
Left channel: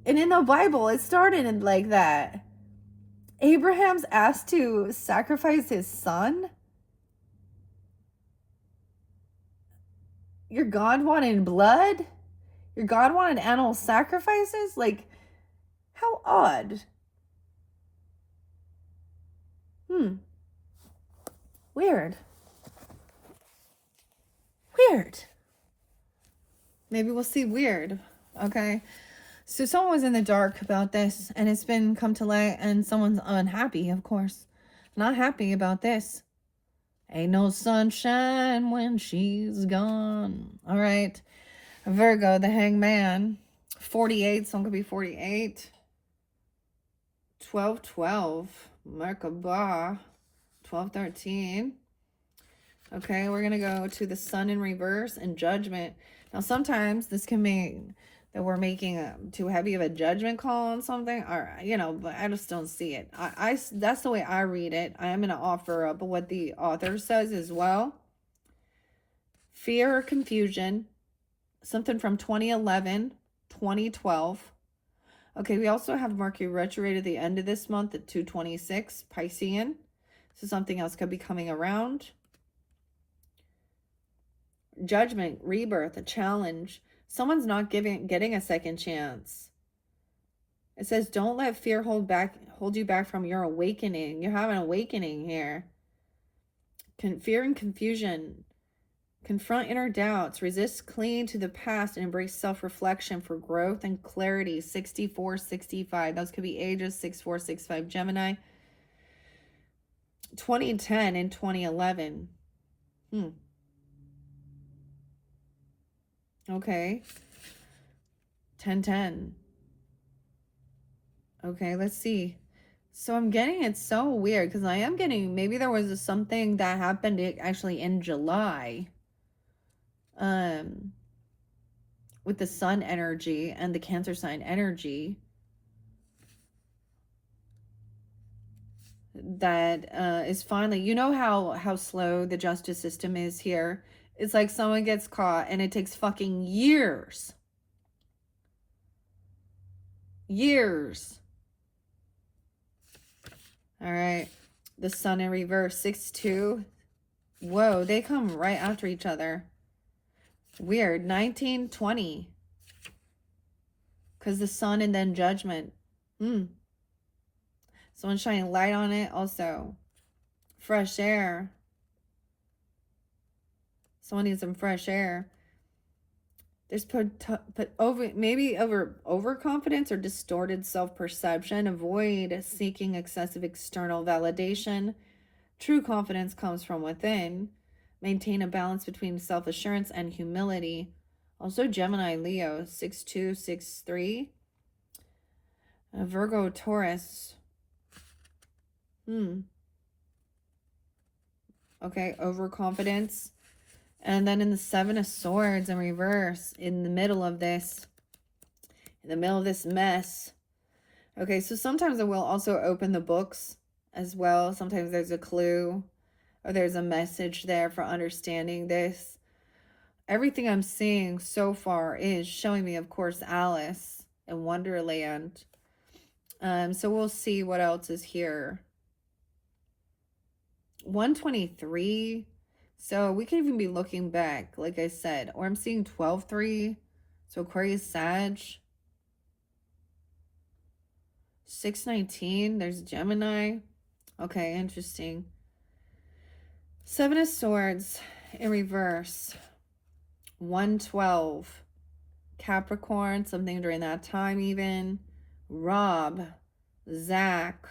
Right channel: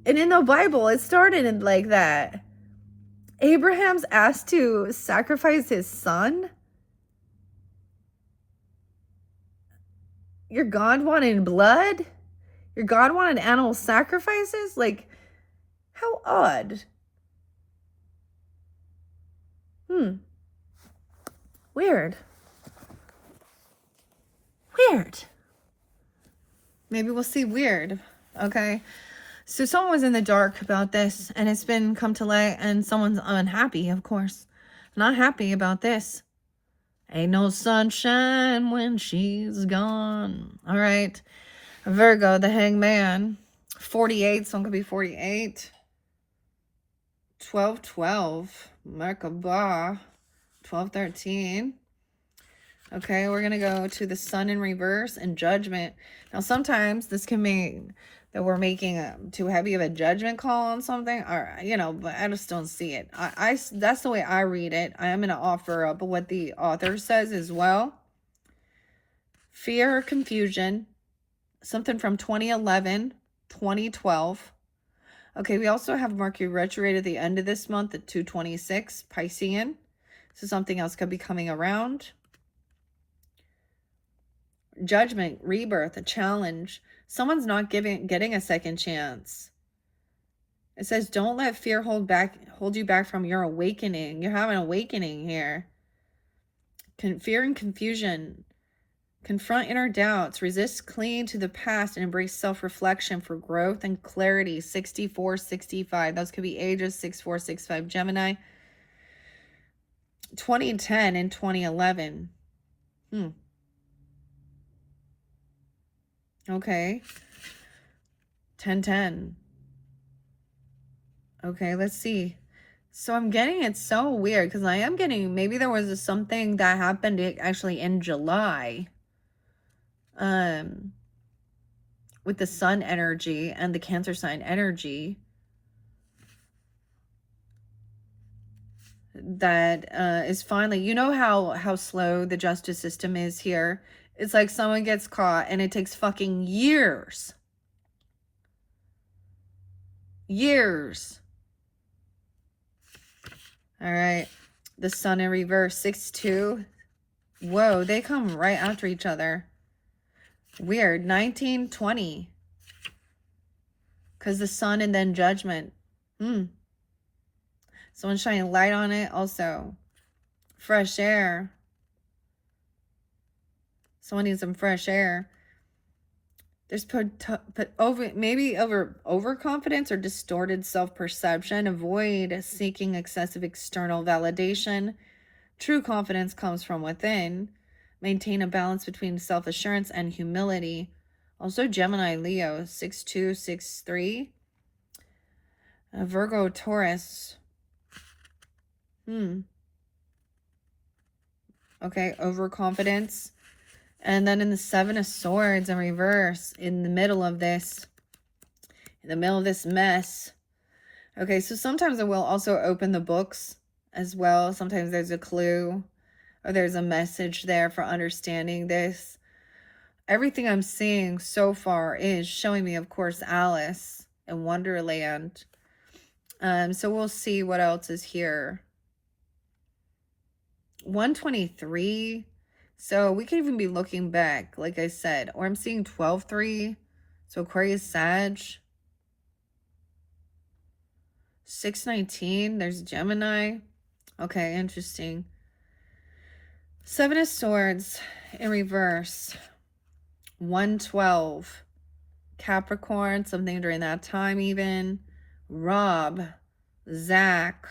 And in the Bible, it started like that. Abraham's asked to sacrifice his son. Your God wanted blood? Your God wanted animal sacrifices? Like, how odd. Weird. Maybe we'll see weird. Okay. So someone was in the dark about this, and it's been come to light, and someone's unhappy, of course. Not happy about this. Ain't no sunshine when she's gone. All right. Virgo, the hangman. 48. Someone could be 48. 12-12. Merkabah. 12-13. Okay, we're going to go to the sun in reverse and judgment. Now, sometimes this can mean that we're making too heavy of a judgment call on something, or but I just don't see it. I that's the way I read it. I'm going to offer up what the author says as well. Fear or confusion, something from 2011, 2012. Okay, we also have Mercury retrograde at the end of this month at 226 Piscean. So something else could be coming around. Judgment, rebirth, a challenge. Someone's not getting a second chance. It says, don't let fear hold you back from your awakening. You have an awakening here. Fear and confusion. Confront inner doubts. Resist clinging to the past and embrace self-reflection for growth and clarity. 64, 65. Those could be ages 64, 65. Gemini. 2010 and 2011. Okay. 10-10. Okay, let's see. So I'm getting it so weird because I am getting, maybe there was something that happened actually in July. With the sun energy and the Cancer sign energy. That is finally, you know how slow the justice system is here. It's like someone gets caught and it takes fucking years. All right. The sun in reverse, 6-2. Whoa, they come right after each other. Weird. 19-20. Because the sun and then judgment. Someone's shining light on it also. Fresh air. Someone needs some fresh air. There's overconfidence or distorted self-perception. Avoid seeking excessive external validation. True confidence comes from within. Maintain a balance between self-assurance and humility. Also Gemini, Leo, 6-2, 6-3. Virgo, Taurus. Okay, overconfidence. And then in the Seven of Swords in reverse, in the middle of this mess. Okay, so sometimes it will also open the books as well. Sometimes there's a clue or there's a message there for understanding this. Everything I'm seeing so far is showing me, of course, Alice in Wonderland. So we'll see what else is here. 123. So we could even be looking back, like I said. Or I'm seeing 12-3. So Aquarius, Sag. 619. There's Gemini. Okay, interesting. Seven of Swords in reverse. 112. Capricorn, something during that time even. Rob. Zach.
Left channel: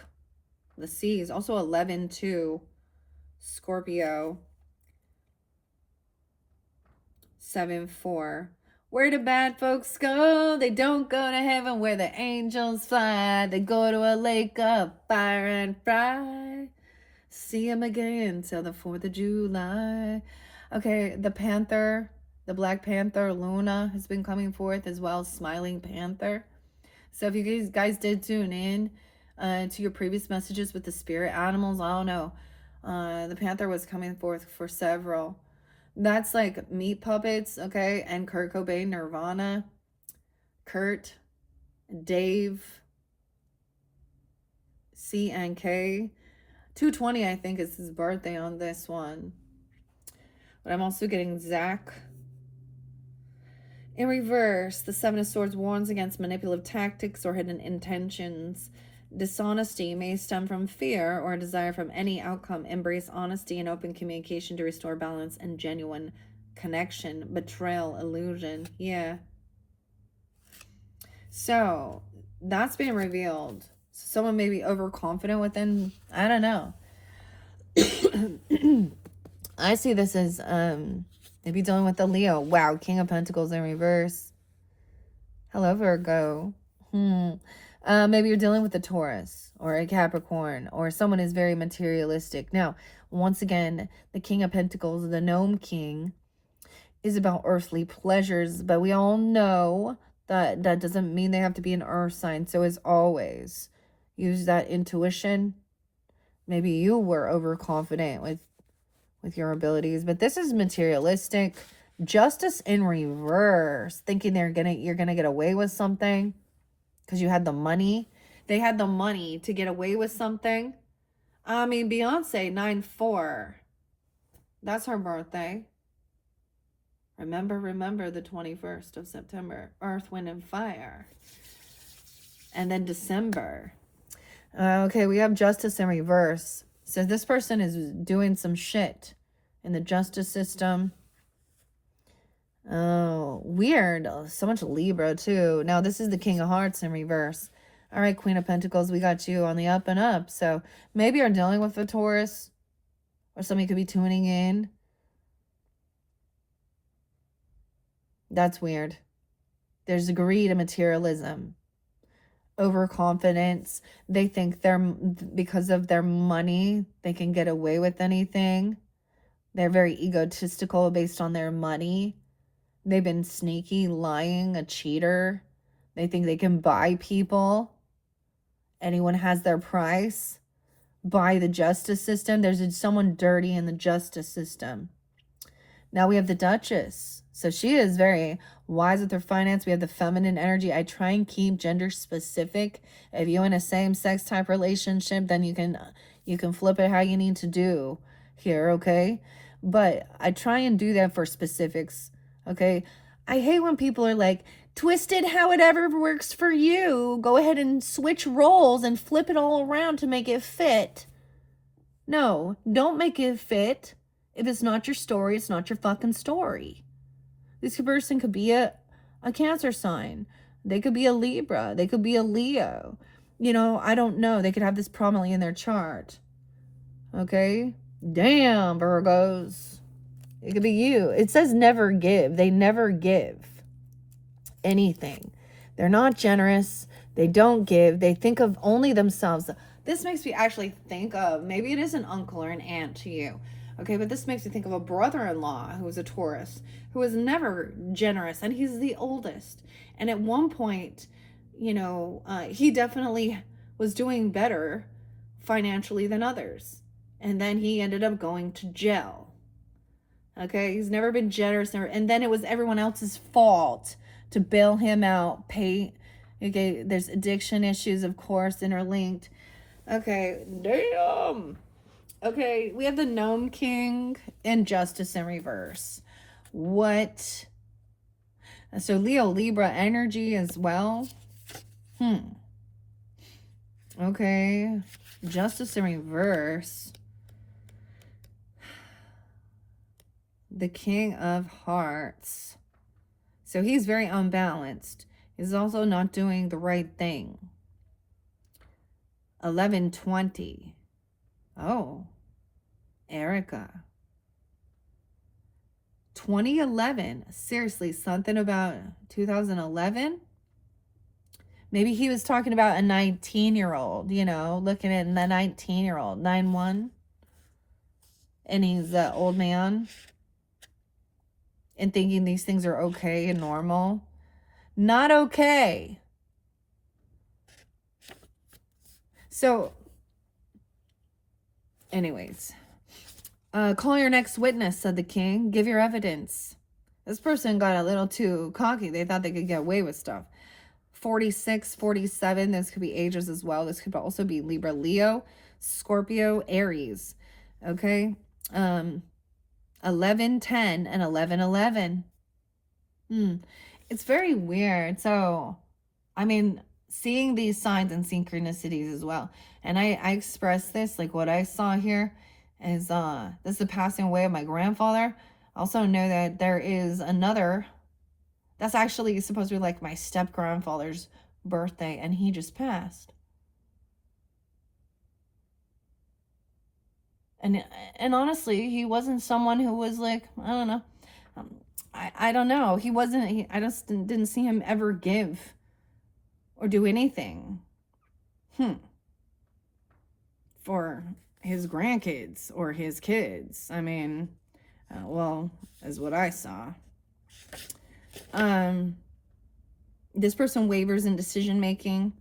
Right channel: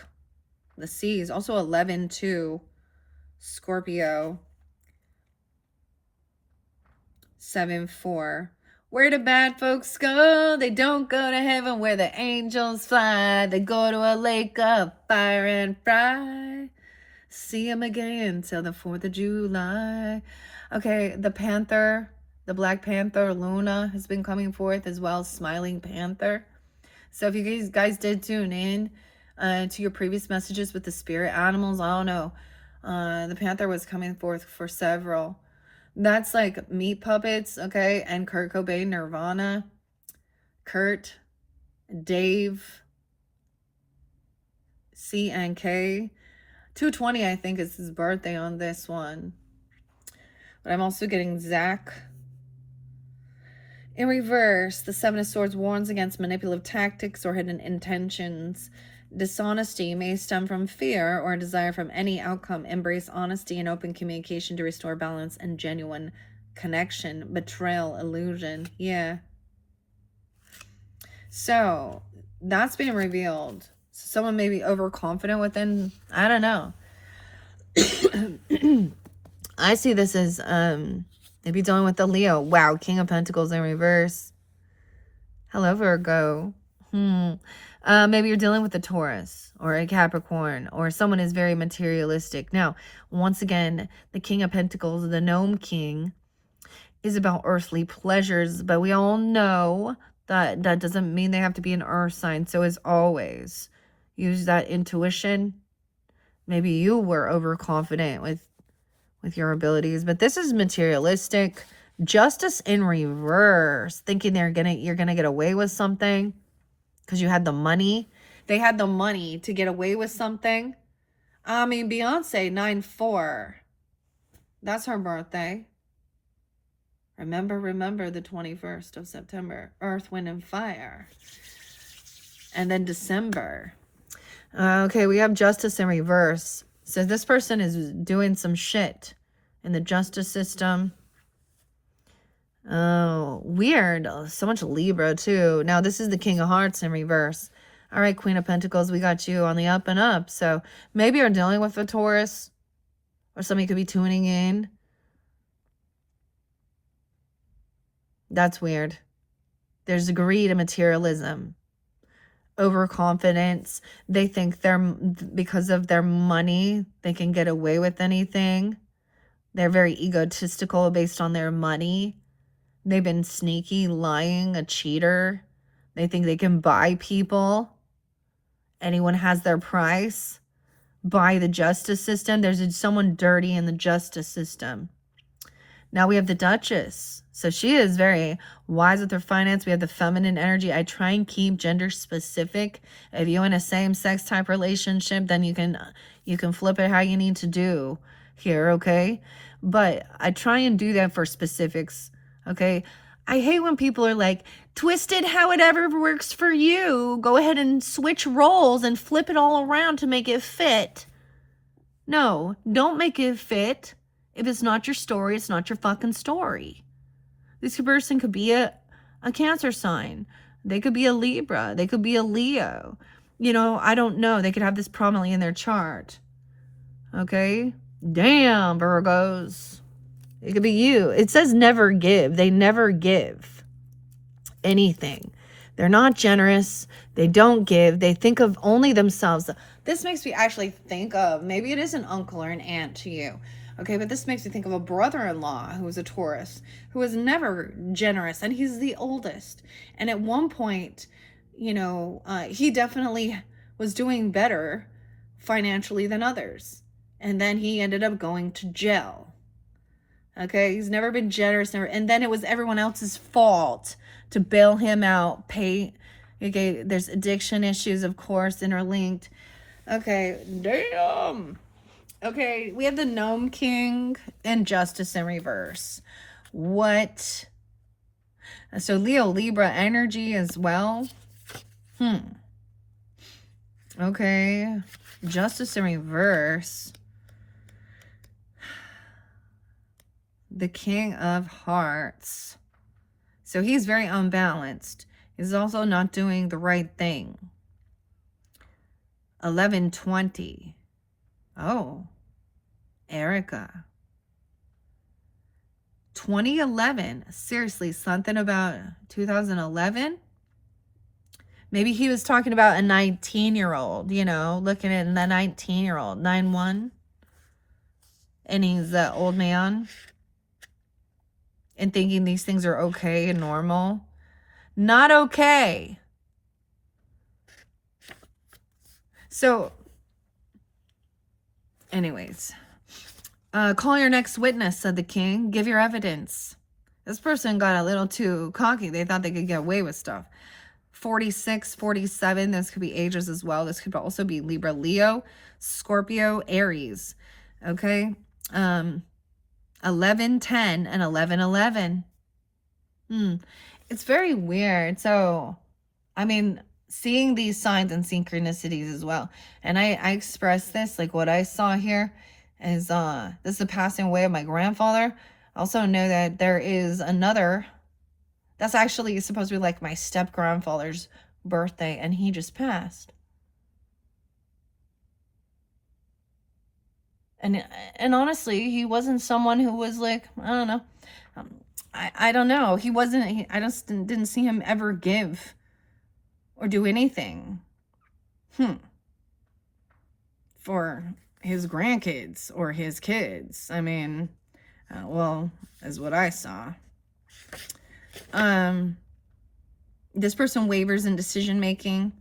The C's. Also 11-2. Scorpio. 7-4. Where do bad folks go? They don't go to heaven where the angels fly. They go to a lake of fire and fry. See them again till the 4th of July. Okay, the Panther, the Black Panther, Luna, has been coming forth as well. Smiling Panther. So if you guys did tune in to your previous messages with the spirit animals, I don't know. The Panther was coming forth for several. That's like Meat Puppets, okay? And Kurt Cobain, Nirvana. Kurt, Dave, C and K. 220, I think, is his birthday on this one. But I'm also getting Zach. In reverse, the Seven of Swords warns against manipulative tactics or hidden intentions. Dishonesty may stem from fear or a desire from any outcome. Embrace honesty and open communication to restore balance and genuine connection. Betrayal, illusion. Yeah. So that's being revealed. Someone may be overconfident within, I don't know. I see this as maybe dealing with the Leo. Wow, King of Pentacles in reverse. Hello, Virgo. Maybe you're dealing with a Taurus or a Capricorn, or someone is very materialistic. Now, once again, the King of Pentacles, the Gnome King, is about earthly pleasures, but we all know that that doesn't mean they have to be an earth sign. So as always, use that intuition. Maybe you were overconfident with your abilities, but this is materialistic. Justice in reverse, thinking you're gonna get away with something because you had the money. They had the money to get away with something. I mean, Beyonce, 9-4. That's her birthday. Remember the 21st of September. Earth, Wind, and Fire. And then December. Okay, we have Justice in reverse. So this person is doing some shit in the justice system. Oh, weird. Oh, so much Libra, too. Now, this is the King of Hearts in reverse. All right, Queen of Pentacles, we got you on the up and up. So maybe you're dealing with a Taurus, or somebody could be tuning in. That's weird. There's greed and materialism. Overconfidence. They think because of their money, they can get away with anything. They're very egotistical based on their money. They've been sneaky, lying, a cheater. They think they can buy people. Anyone has their price. Buy the justice system. There's someone dirty in the justice system. Now we have the Duchess. So she is very wise with her finance. We have the feminine energy. I try and keep gender specific. If you're in a same-sex type relationship, then you can flip it how you need to do here, okay? But I try and do that for specifics, okay? I hate when people are like, twisted how it ever works for you. Go ahead and switch roles and flip it all around to make it fit. No, don't make it fit. If it's not your story, it's not your fucking story. This person could be a Cancer sign. They could be a Libra. They could be a Leo. You know, I don't know. They could have this prominently in their chart. Okay? Damn, Virgos. It could be you. It says never give. They never give anything. They're not generous. They don't give. They think of only themselves. This makes me actually think of, maybe it is an uncle or an aunt to you. Okay, but this makes me think of a brother-in-law who was a Taurus, who was never generous, and he's the oldest. And at one point, he definitely was doing better financially than others. And then he ended up going to jail. Okay, he's never been generous, and then it was everyone else's fault to bail him out, pay. Okay, there's addiction issues, of course, interlinked. Okay, damn. Okay, we have the Gnome King and Justice in reverse. What? So Leo Libra energy as well. Okay, Justice in reverse. The King of Hearts. So he's very unbalanced. He's also not doing the right thing. 1120. Oh, Erica. 2011. Seriously, something about 2011? Maybe he was talking about a 19-year-old, looking at the 19-year-old, 9-1. And he's an old man. And thinking these things are okay and normal. Not okay. So, anyways. Call your next witness, said the king. Give your evidence. This person got a little too cocky. They thought they could get away with stuff. 46, 47. This could be ages as well. This could also be Libra, Leo, Scorpio, Aries. Okay. 11, 10, and 11, 11. It's very weird. So, I mean, seeing these signs and synchronicities as well. And I express this, like what I saw here is this is the passing away of my grandfather. I also know that there is another that's actually supposed to be like my step grandfather's birthday, and he just passed. And honestly, he wasn't someone who was like, I don't know. I don't know. He wasn't, I just didn't see him ever give or do anything. For his grandkids or his kids. I mean, well, is what I saw. This person wavers in decision making,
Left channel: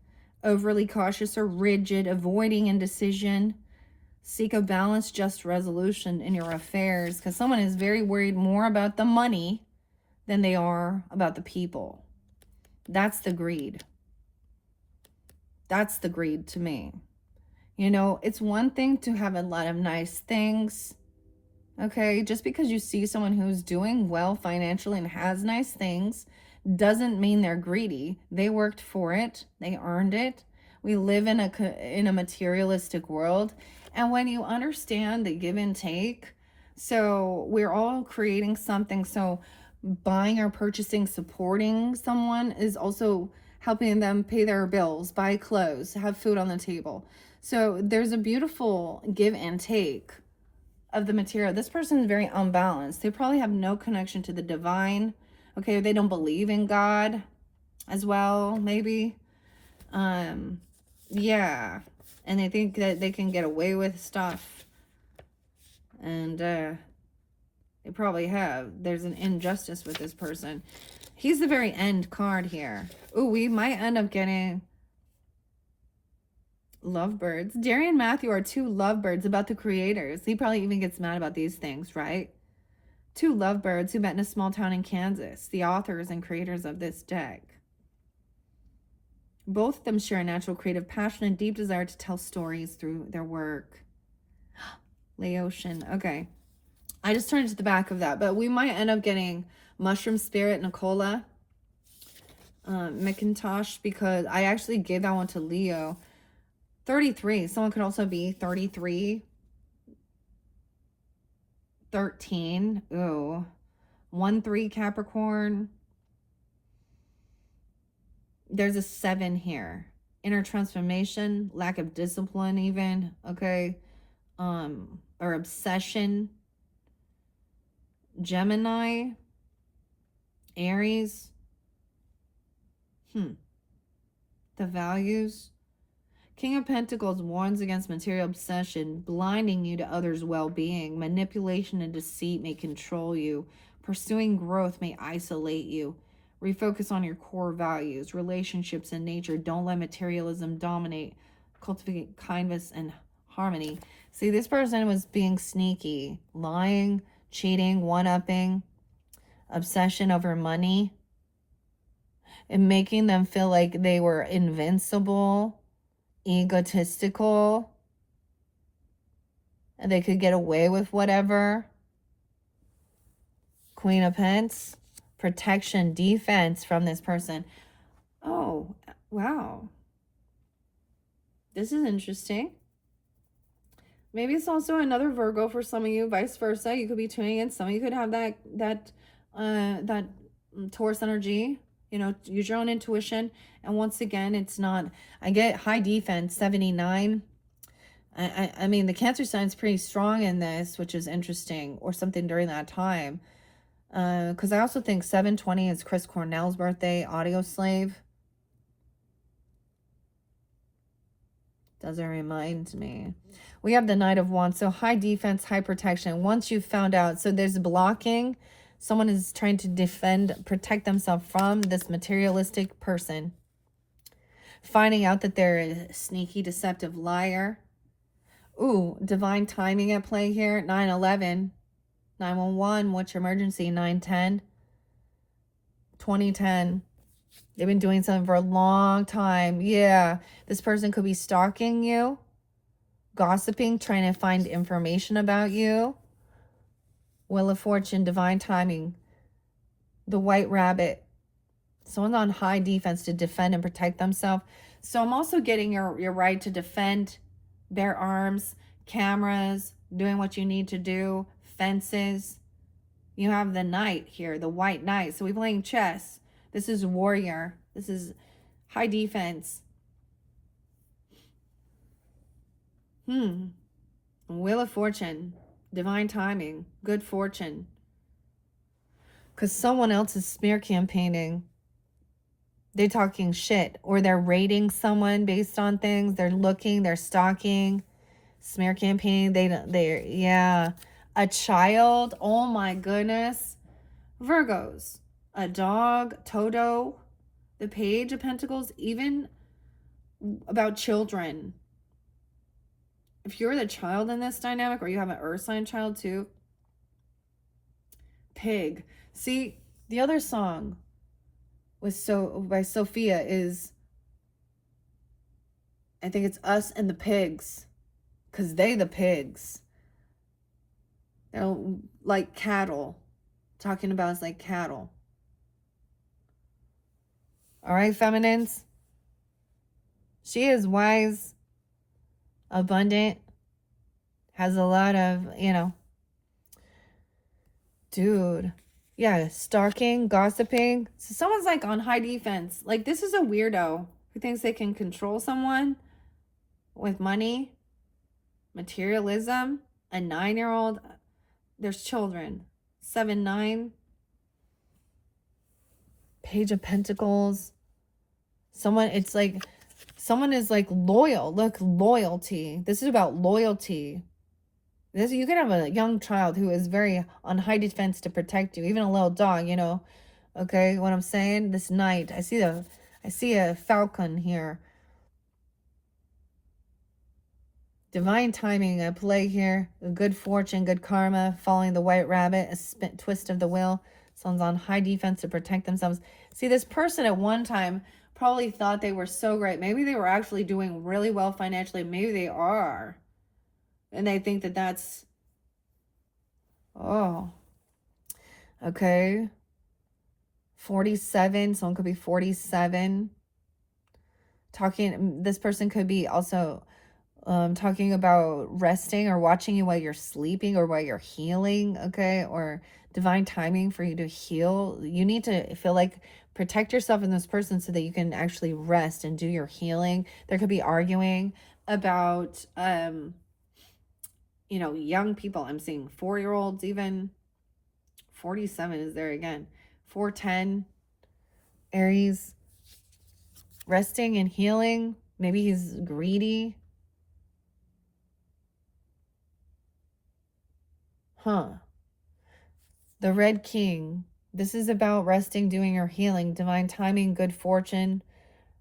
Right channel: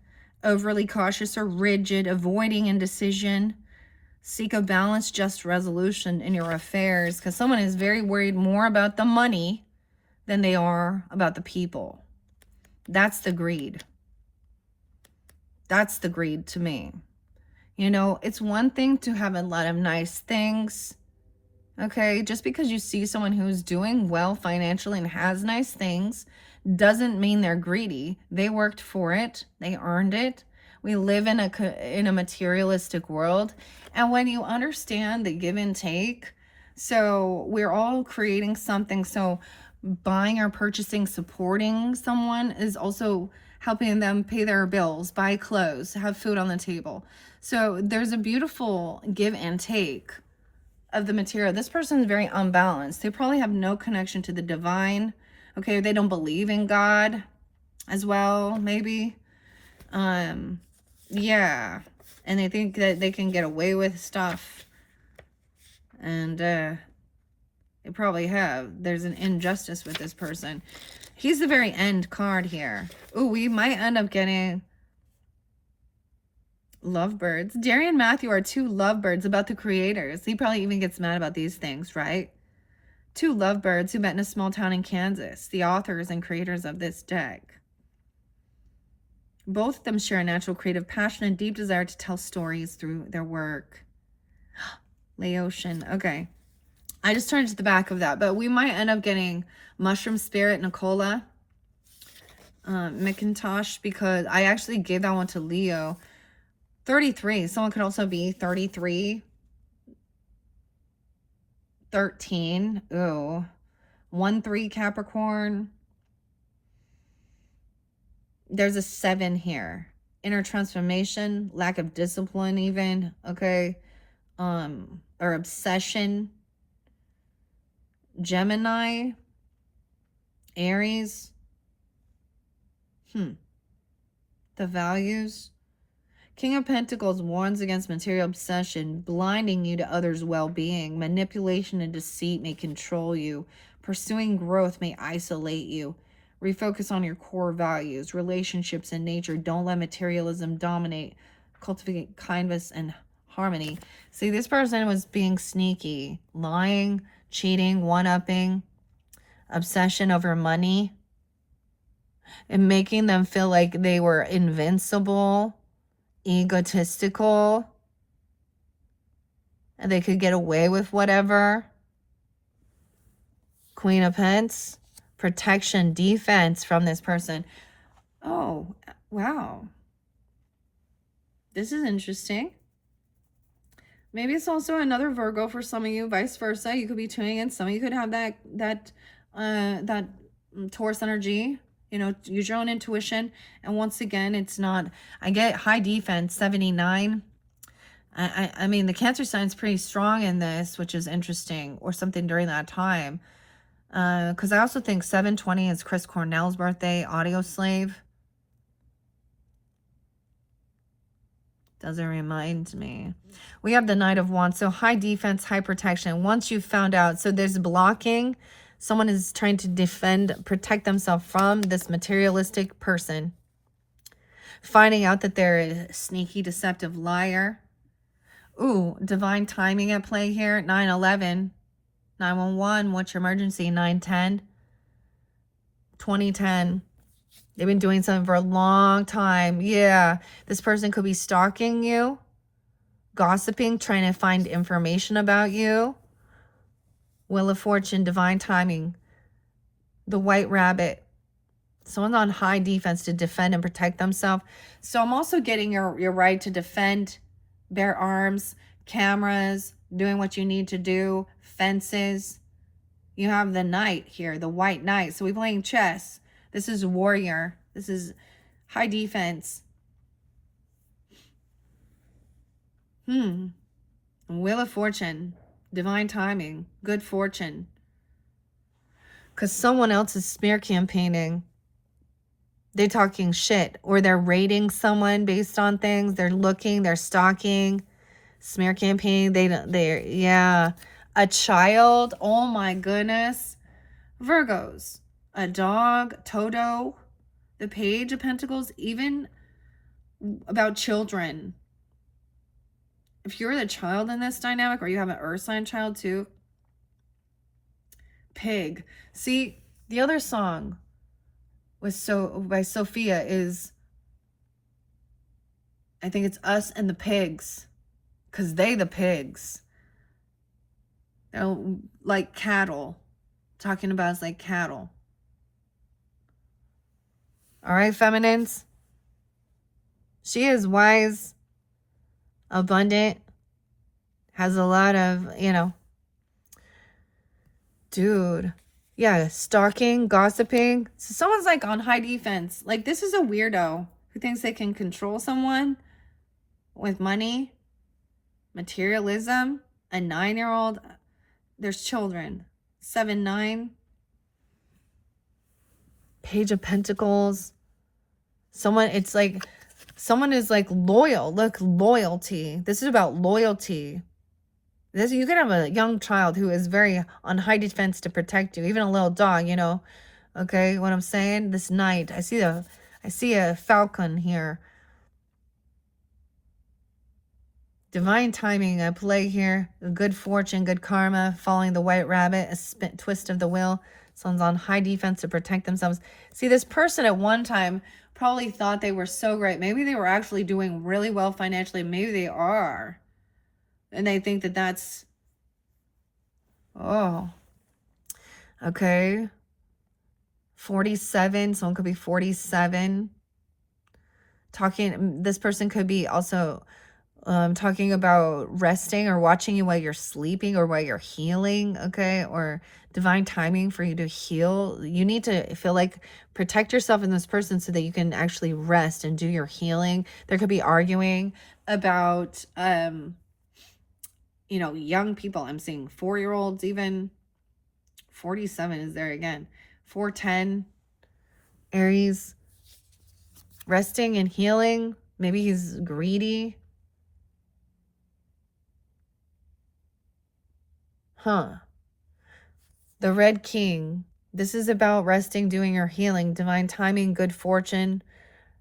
overly cautious or rigid, avoiding indecision. Seek a balanced, just resolution in your affairs, because someone is very worried more about the money than they are about the people. That's the greed. That's the greed to me. It's one thing to have a lot of nice things. Okay, just because you see someone who's doing well financially and has nice things doesn't mean they're greedy. They worked for it. They earned it. We live in a materialistic world. And when you understand the give and take, so we're all creating something. So buying or purchasing, supporting someone is also helping them pay their bills, buy clothes, have food on the table. So there's a beautiful give and take of the material. This person is very unbalanced. They probably have no connection to the divine. Okay, they don't believe in God as well, maybe. Yeah. And they think that they can get away with stuff. And they probably have. There's an injustice with this person. He's the very end card here. Ooh, we might end up getting lovebirds. Jerry and Matthew are two lovebirds about the creators. He probably even gets mad about these things, right? Two lovebirds who met in a small town in Kansas. The authors and creators of this deck. Both of them share a natural creative passion and deep desire to tell stories through their work. Laotian. Okay. I just turned to the back of that, but we might end up getting Mushroom Spirit, Nicola, McIntosh, because I actually gave that one to Leo. 33. Someone could also be 33. 13. Ooh. 1-3 Capricorn. There's a 7 here. Inner transformation, lack of discipline even, okay? Or obsession. Gemini. Aries. The values. King of Pentacles warns against material obsession, blinding you to others' well-being. Manipulation and deceit may control you. Pursuing growth may isolate you. Refocus on your core values, relationships, and nature. Don't let materialism dominate. Cultivate kindness and harmony. See, this person was being sneaky, lying, cheating, one-upping, obsession over money, and making them feel like they were invincible, egotistical, and they could get away with whatever. Queen of Pentacles, protection, defense from this person. Oh, wow. This is interesting. Maybe it's also another Virgo for some of you, vice versa. You could be tuning in. Some of you could have that Taurus energy. You know, use your own intuition. And once again, it's not, I get high defense, 79. I mean, the Cancer sign's pretty strong in this, which is interesting, or something during that time. Because I also think 7/20 is Chris Cornell's birthday, Audio Slave. Doesn't remind me. We have the Knight of Wands. So high defense, high protection. Once you've found out, so there's blocking. Someone is trying to defend, protect themselves from this materialistic person. Finding out that they're a sneaky, deceptive liar. Ooh, divine timing at play here. 9/11. 911. What's your emergency? 910. 2010. They've been doing something for a long time. Yeah. This person could be stalking you, gossiping, trying to find information about you. Wheel of Fortune, divine timing. The White Rabbit. Someone's on high defense to defend and protect themselves. So I'm also getting your right to defend, bear arms, cameras, doing what you need to do, fences. You have the Knight here, the White Knight. So we're playing chess. This is warrior. This is high defense. Wheel of Fortune. Divine timing. Good fortune. Because someone else is smear campaigning. They're talking shit. Or they're rating someone based on things. They're looking. They're stalking. Smear campaigning. Yeah. A child. Oh my goodness. Virgos. A dog. Toto. The Page of Pentacles. Even about children. If you're the child in this dynamic, or you have an earth sign child too. Pig. See, the other song was by Sophia is, I think it's Us and the Pigs. Because they the pigs. They're like cattle. Talking about us like cattle. All right, feminines. She is wise, abundant, has a lot of, dude. Yeah, stalking, gossiping. So someone's like on high defense. Like, this is a weirdo who thinks they can control someone with money, materialism, a 9-year-old. There's children. 7, 9. Page of Pentacles. Someone is like loyal. Look, loyalty. This is about loyalty. You could have a young child who is very on high defense to protect you, even a little dog, Okay, what I'm saying? This Knight, I see a falcon here. Divine timing at play here. Good fortune, good karma, following the White Rabbit, a twist of the wheel. Someone's on high defense to protect themselves. See, this person at one time probably thought they were so great. Maybe they were actually doing really well financially. Maybe they are. And they think that that's, okay. 47, someone could be 47. This person could be also talking about resting or watching you while you're sleeping or while you're healing, okay? Or divine timing for you to heal. You need to feel like protect yourself in this person so that you can actually rest and do your healing. There could be arguing about, young people. I'm seeing 4-year-olds even. 47 is there again. 410. Aries. Resting and healing. Maybe he's greedy. Huh. The Red King. This is about resting, doing your healing, divine timing, good fortune,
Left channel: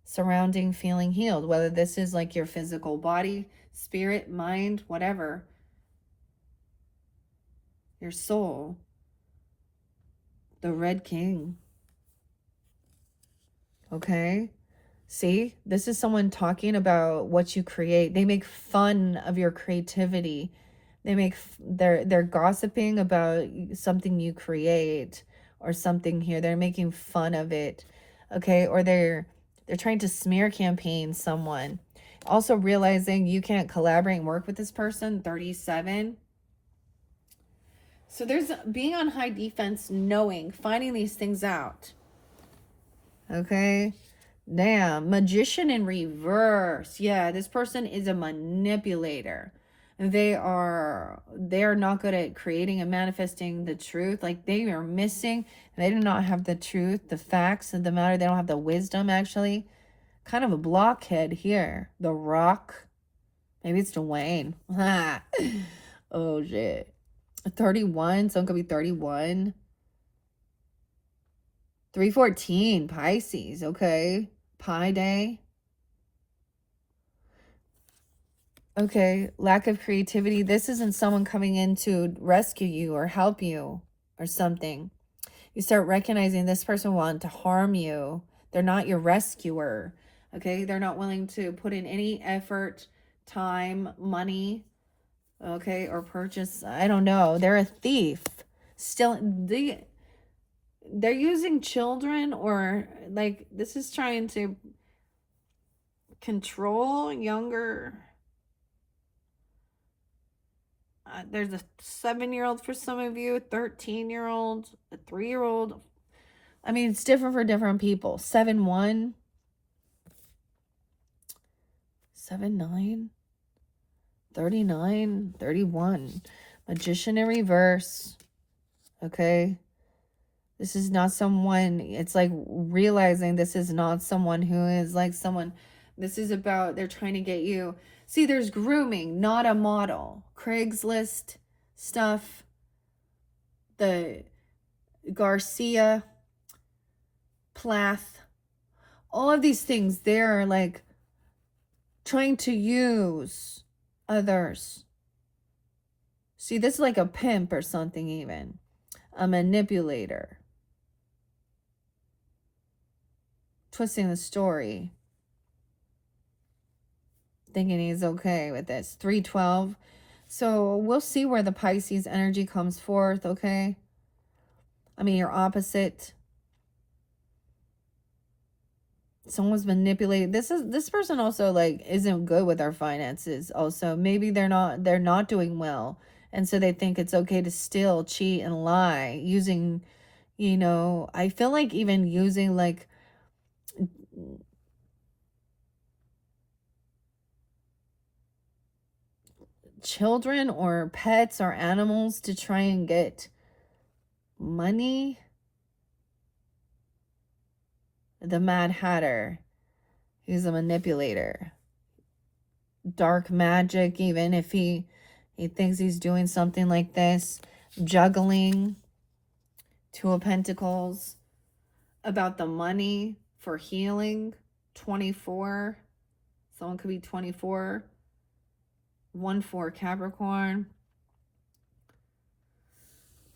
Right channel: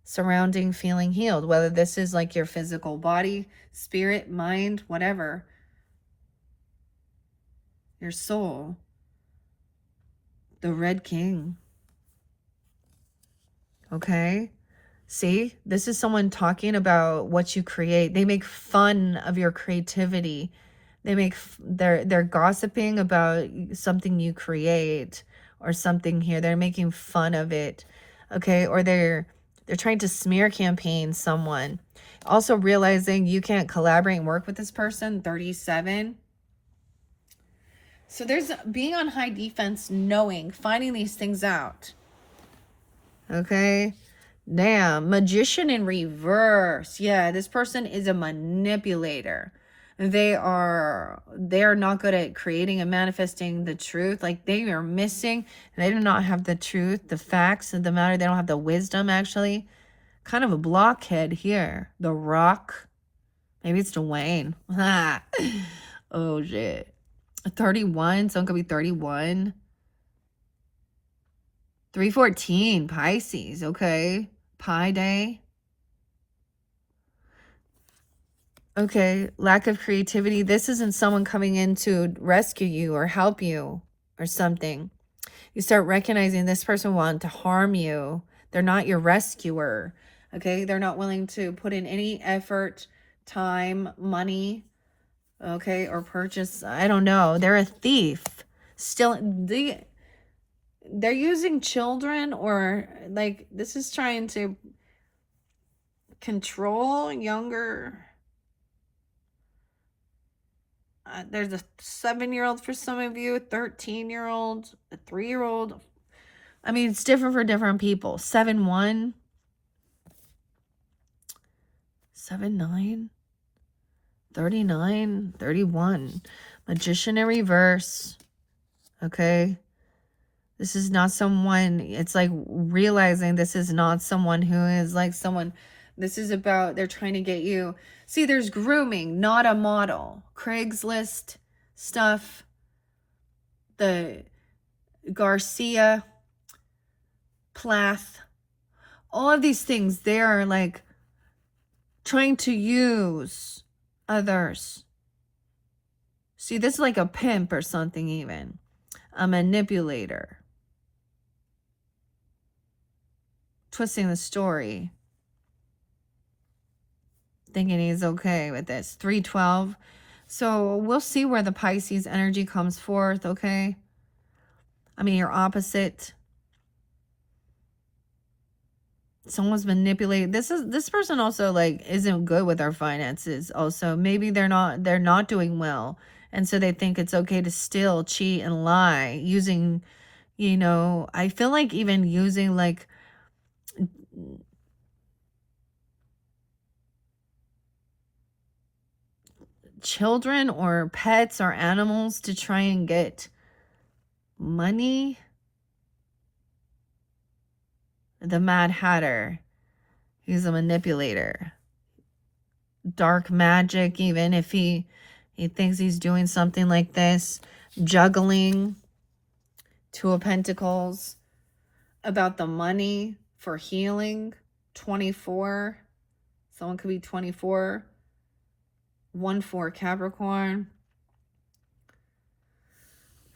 surrounding feeling healed. Whether this is like your physical body, spirit, mind, whatever. Your soul. The Red King. Okay. See, this is someone talking about what you create. They make fun of your creativity. They're gossiping about something you create or something here. They're making fun of it. Okay? Or they're trying to smear campaign someone. Also realizing you can't collaborate and work with this person, 37. So there's being on high defense, knowing, finding these things out. Okay? Damn, magician in reverse. Yeah, this person is a manipulator. They're not good at creating and manifesting the truth. Like they are missing. They do not have the truth, the facts of the matter. They don't have the wisdom, actually. Kind of a blockhead here. The Rock. Maybe it's Dwayne. Oh shit. 31. Someone could be 31. 314. Pisces. Okay. Pi Day. Okay, lack of creativity. This isn't someone coming in to rescue you or help you or something. You start recognizing this person wanted to harm you. They're not your rescuer. Okay, they're not willing to put in any effort, time, money, okay, or purchase. I don't know. They're a thief. Still, they're using children, or like this is trying to control younger. There's a 7-year-old for some of you, a 13-year-old, a 3-year-old. I mean, it's different for different people. 7-1, 7-9, 39, 31. Magician in reverse. Okay. This is not someone, it's like realizing this is not someone who is like someone, this is about, they're trying to get you. See, there's grooming, not a model. Craigslist stuff, the Garcia, Plath, all of these things, they're like trying to use others. See, this is like a pimp or something even. A manipulator. Twisting the story. Thinking he's okay with this. 312. So we'll see where the Pisces energy comes forth, okay? I mean, your opposite. Someone's manipulating. This person also like isn't good with our finances. Also, maybe they're not doing well. And so they think it's okay to steal, cheat, and lie using, you know, I feel like even using like children or pets or animals to try and get money. The Mad Hatter. He's a manipulator. Dark magic, even if he thinks he's doing something like this. Juggling. Two of Pentacles. About the money for healing. 24. Someone could be 24. 1-4 Capricorn.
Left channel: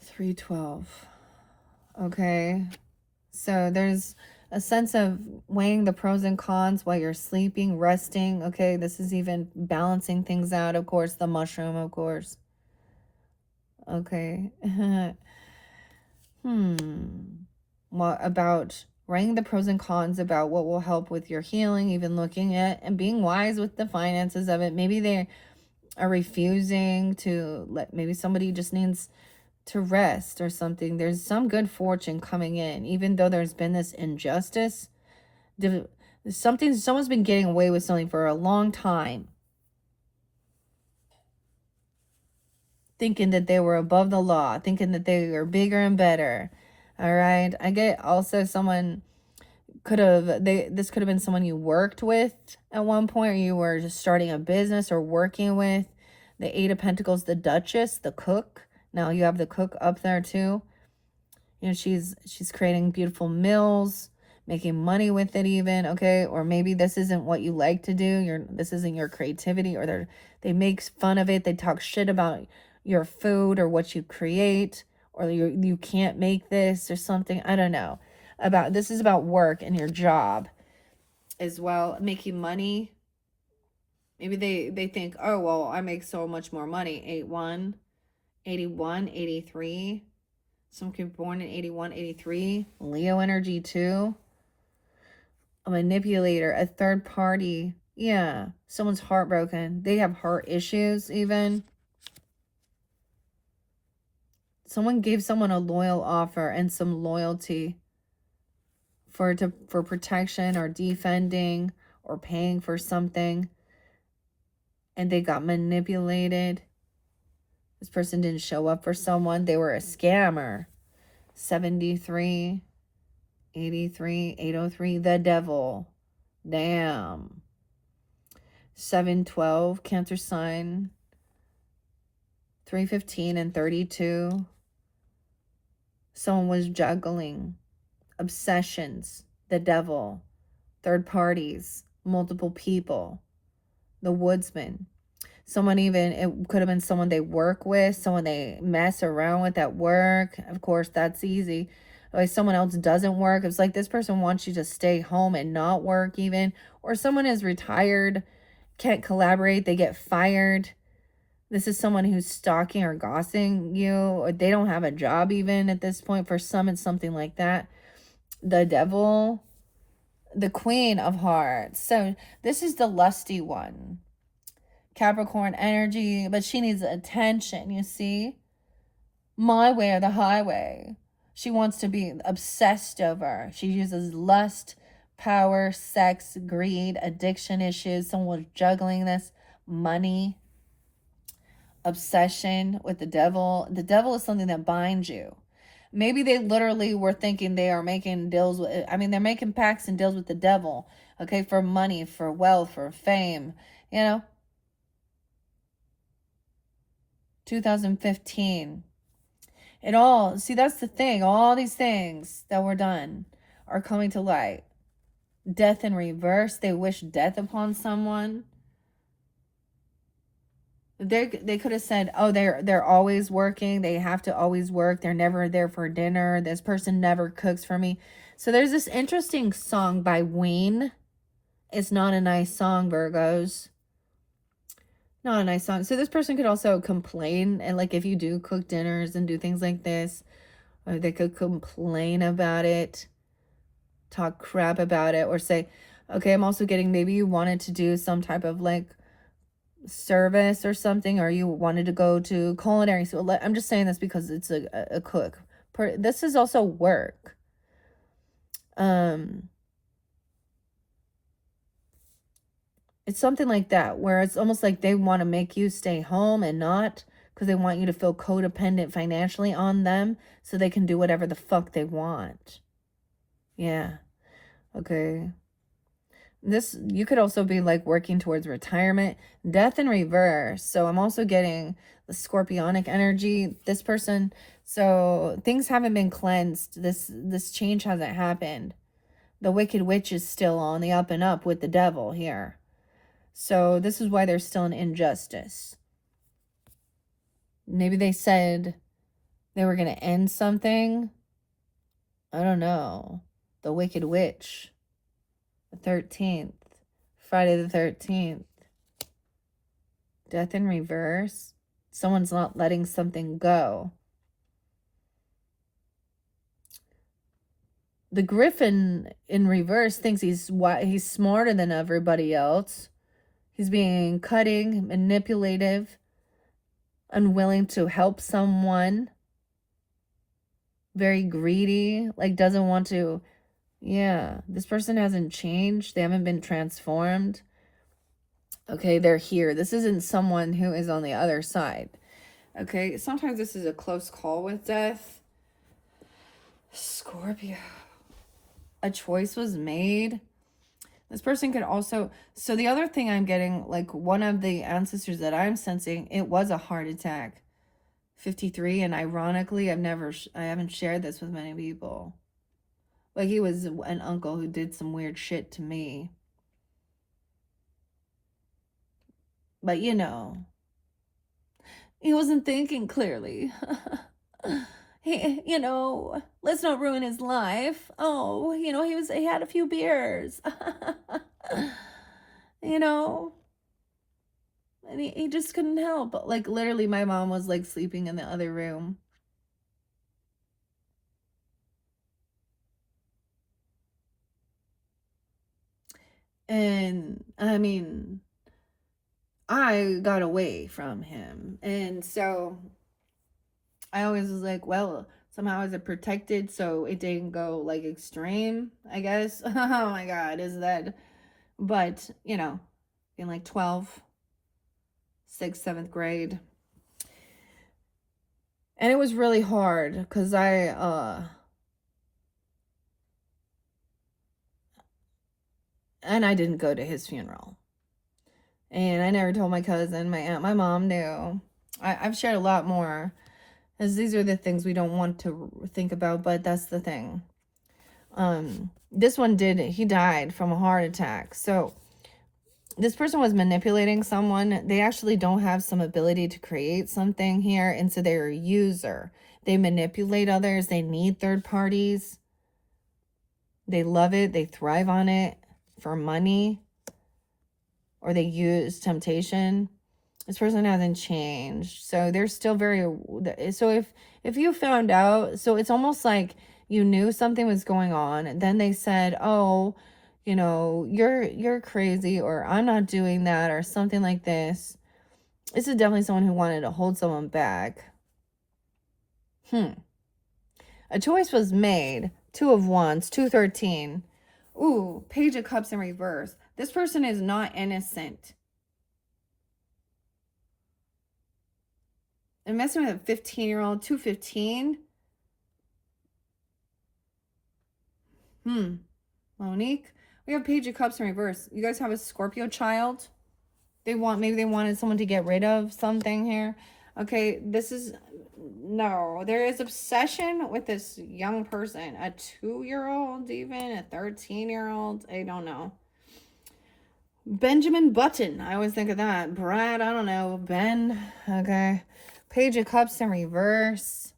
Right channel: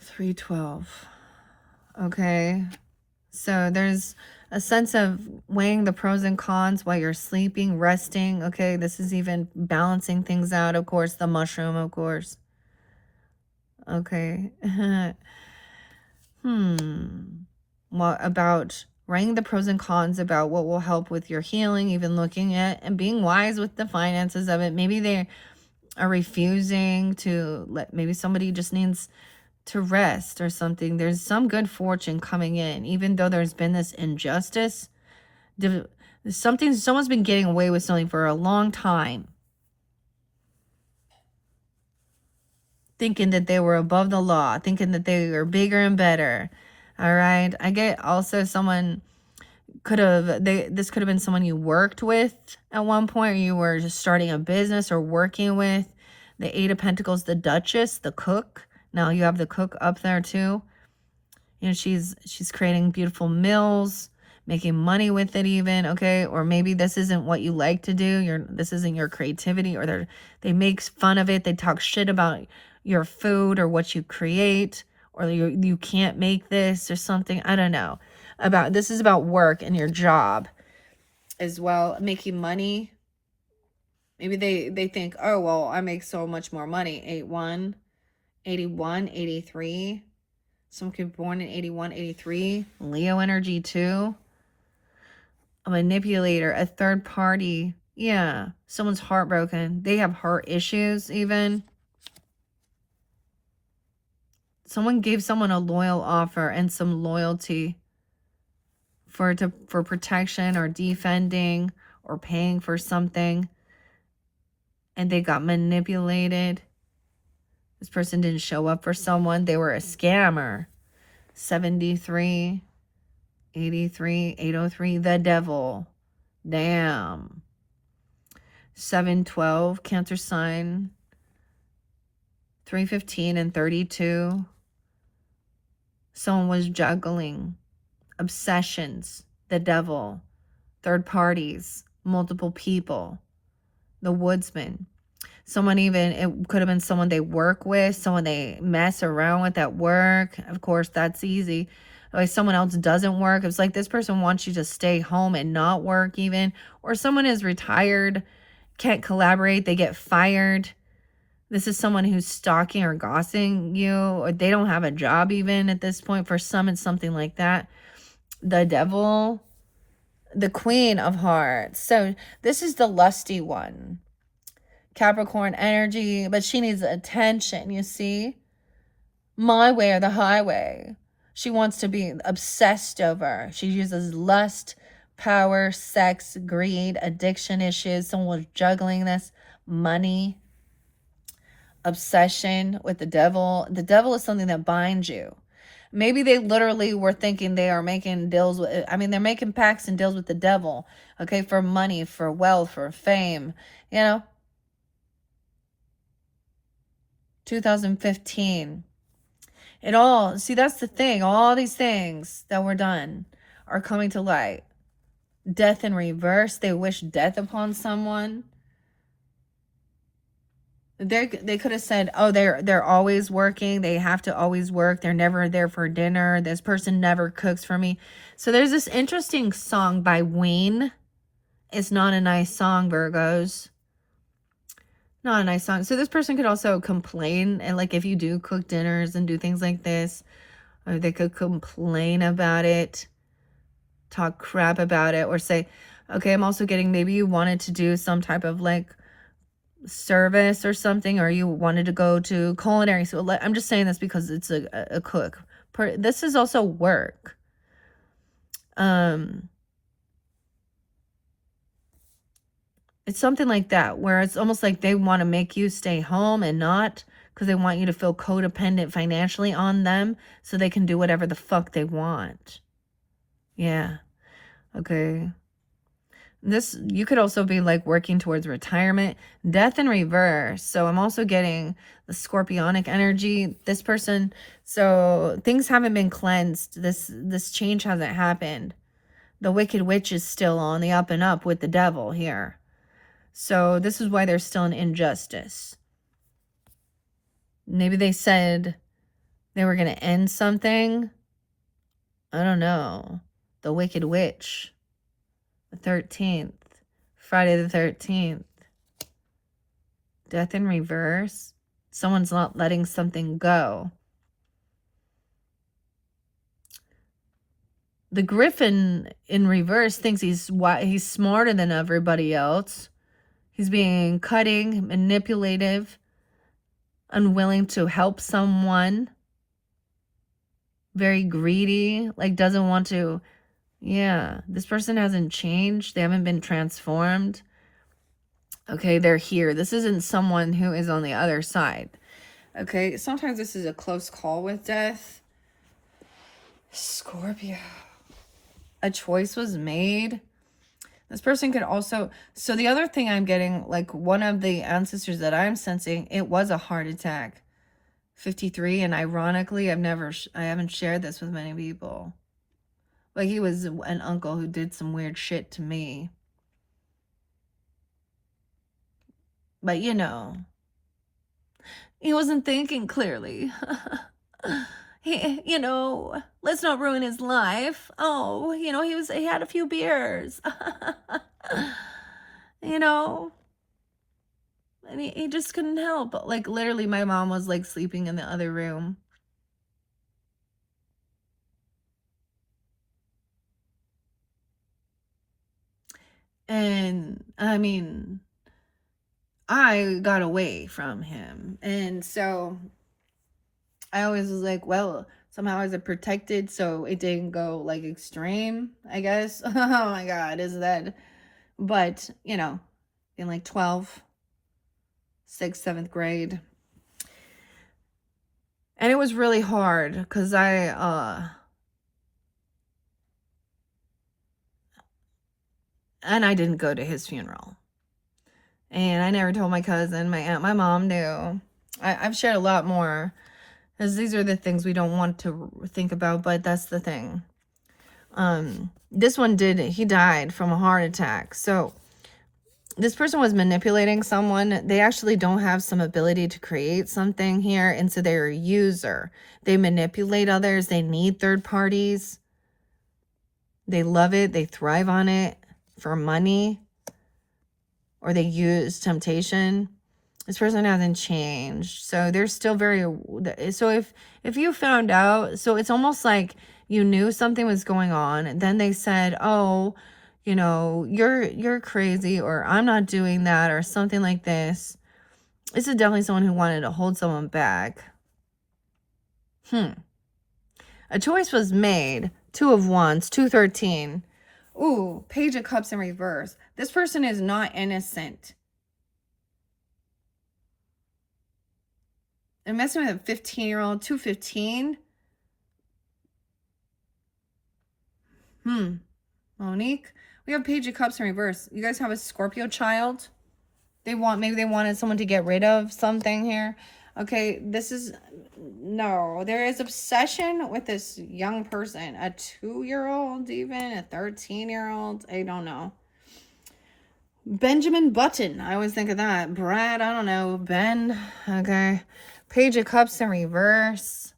312. Okay. So there's a sense of weighing the pros and cons while you're sleeping, resting. Okay. This is even balancing things out. Of course, the mushroom, of course. Okay. What about writing the pros and cons about what will help with your healing, even looking at and being wise with the finances of it. Maybe they are refusing to let, maybe somebody just needs to rest or something. There's some good fortune coming in, even though there's been this injustice. Someone's been getting away with something for a long time, thinking that they were above the law, thinking that they were bigger and better. All right. I get also someone this could have been someone you worked with at one point, or you were just starting a business or working with. The Eight of Pentacles, the Duchess, the cook. Now you have the cook up there too. You know, she's creating beautiful meals, making money with it even, okay? Or maybe this isn't what you like to do. This isn't your creativity, or they make fun of it. They talk shit about your food or what you create, or you can't make this or something. I don't know. This is about work and your job as well, making money. Maybe they think, oh, well, I make so much more money. 81, 81, 83. Some people born in 81, 83. Leo energy too. A manipulator, a third party. Yeah, someone's heartbroken. They have heart issues even. Someone gave someone a loyal offer and some loyalty for protection or defending or paying for something, and they got manipulated. This person didn't show up for someone. They were a scammer. 73, 83, 803, the devil. Damn. 712, Cancer sign. 315 and 32. Someone was juggling. Obsessions, the devil. Third parties, multiple people. The woodsman. Someone even, it could have been someone they work with, someone they mess around with at work. Of course, that's easy. Like someone else doesn't work. It's like this person wants you to stay home and not work even. Or someone is retired, can't collaborate, they get fired. This is someone who's stalking or gossiping you, or they don't have a job even at this point. For some, it's something like that. The devil, the Queen of Hearts. So this is the lusty one. Capricorn energy, but she needs attention, you see? My way or the highway. She wants to be obsessed over. She uses lust, power, sex, greed, addiction issues. Someone was juggling this. Money. Obsession with the devil. The devil is something that binds you. Maybe they literally were thinking they are making deals with, they're making pacts and deals with the devil, okay, for money, for wealth, for fame, you know. 2015. It all, see, that's the thing. All these things that were done are coming to light. Death in reverse. They wish death upon someone. They could have said, oh, they're always working. They have to always work. They're never there for dinner. This person never cooks for me. So there's this interesting song by Wayne. It's not a nice song, Virgos. Not a nice song. So this person could also complain, and like if you do cook dinners and do things like this, or they could complain about it, talk crap about it, or say, okay, I'm also getting, maybe you wanted to do some type of like service or something, or you wanted to go to culinary. So I'm just saying this because it's a cook. This is also work. It's something like that, where it's almost like they want to make you stay home and not, because they want you to feel codependent financially on them so they can do whatever the fuck they want. Yeah. Okay. This, you could also be like working towards retirement. Death in reverse. So I'm also getting the scorpionic energy. This person, so things haven't been cleansed. This change hasn't happened. The Wicked Witch is still on the up and up with the devil here. So this is why there's still an injustice. Maybe they said they were going to end something. I don't know. The Wicked Witch. The 13th. Friday the 13th. Death in reverse. Someone's not letting something go. The Griffin in reverse thinks he's smarter than everybody else. He's being cutting, manipulative, unwilling to help someone. Very greedy, like doesn't want to. Yeah, this person hasn't changed. They haven't been transformed. Okay, they're here. This isn't someone who is on the other side. Okay, sometimes this is a close call with death. Scorpio. a choice was made. This person could also, so the other thing I'm getting, like one of the ancestors that I'm sensing, it was a heart attack. 53, and ironically, I haven't shared this with many people. Like, he was an uncle who did some weird shit to me. But, you know, he wasn't thinking clearly. You know, let's not ruin his life. Oh, you know, he had a few beers. You know, and he just couldn't help. Like, literally, my mom was like sleeping in the other room. And I mean, I got away from him. And so I always was like, well, somehow I was protected, so it didn't go like extreme, I guess. Oh my God, is that? But, you know, in like 12th, 6th, 7th grade. And it was really hard because I didn't go to his funeral. And I never told my cousin, my aunt, my mom knew. I've shared a lot more, because these are the things we don't want to think about, but that's the thing. This one he died from a heart attack. So this person was manipulating someone. They actually don't have some ability to create something here, and so they're a user. They manipulate others. They need third parties. They love it. They thrive on it for money, or they use temptation. This person hasn't changed, so they're still very. So if you found out, so it's almost like you knew something was going on, and then they said, oh, you know, you're crazy, or I'm not doing that, or something like this. This is definitely someone who wanted to hold someone back. A choice was made. 2 of Wands, 213. Ooh, Page of Cups in reverse. This person is not innocent. I'm messing with a 15-year-old, 215. Monique, we have Page of Cups in reverse. You guys have a Scorpio child. Maybe they wanted someone to get rid of something here. Okay, no, there is obsession with this young person, a 2-year-old, even a 13-year-old. I don't know. Benjamin Button, I always think of that. Brad, I don't know. Ben, okay. Page of Cups in reverse.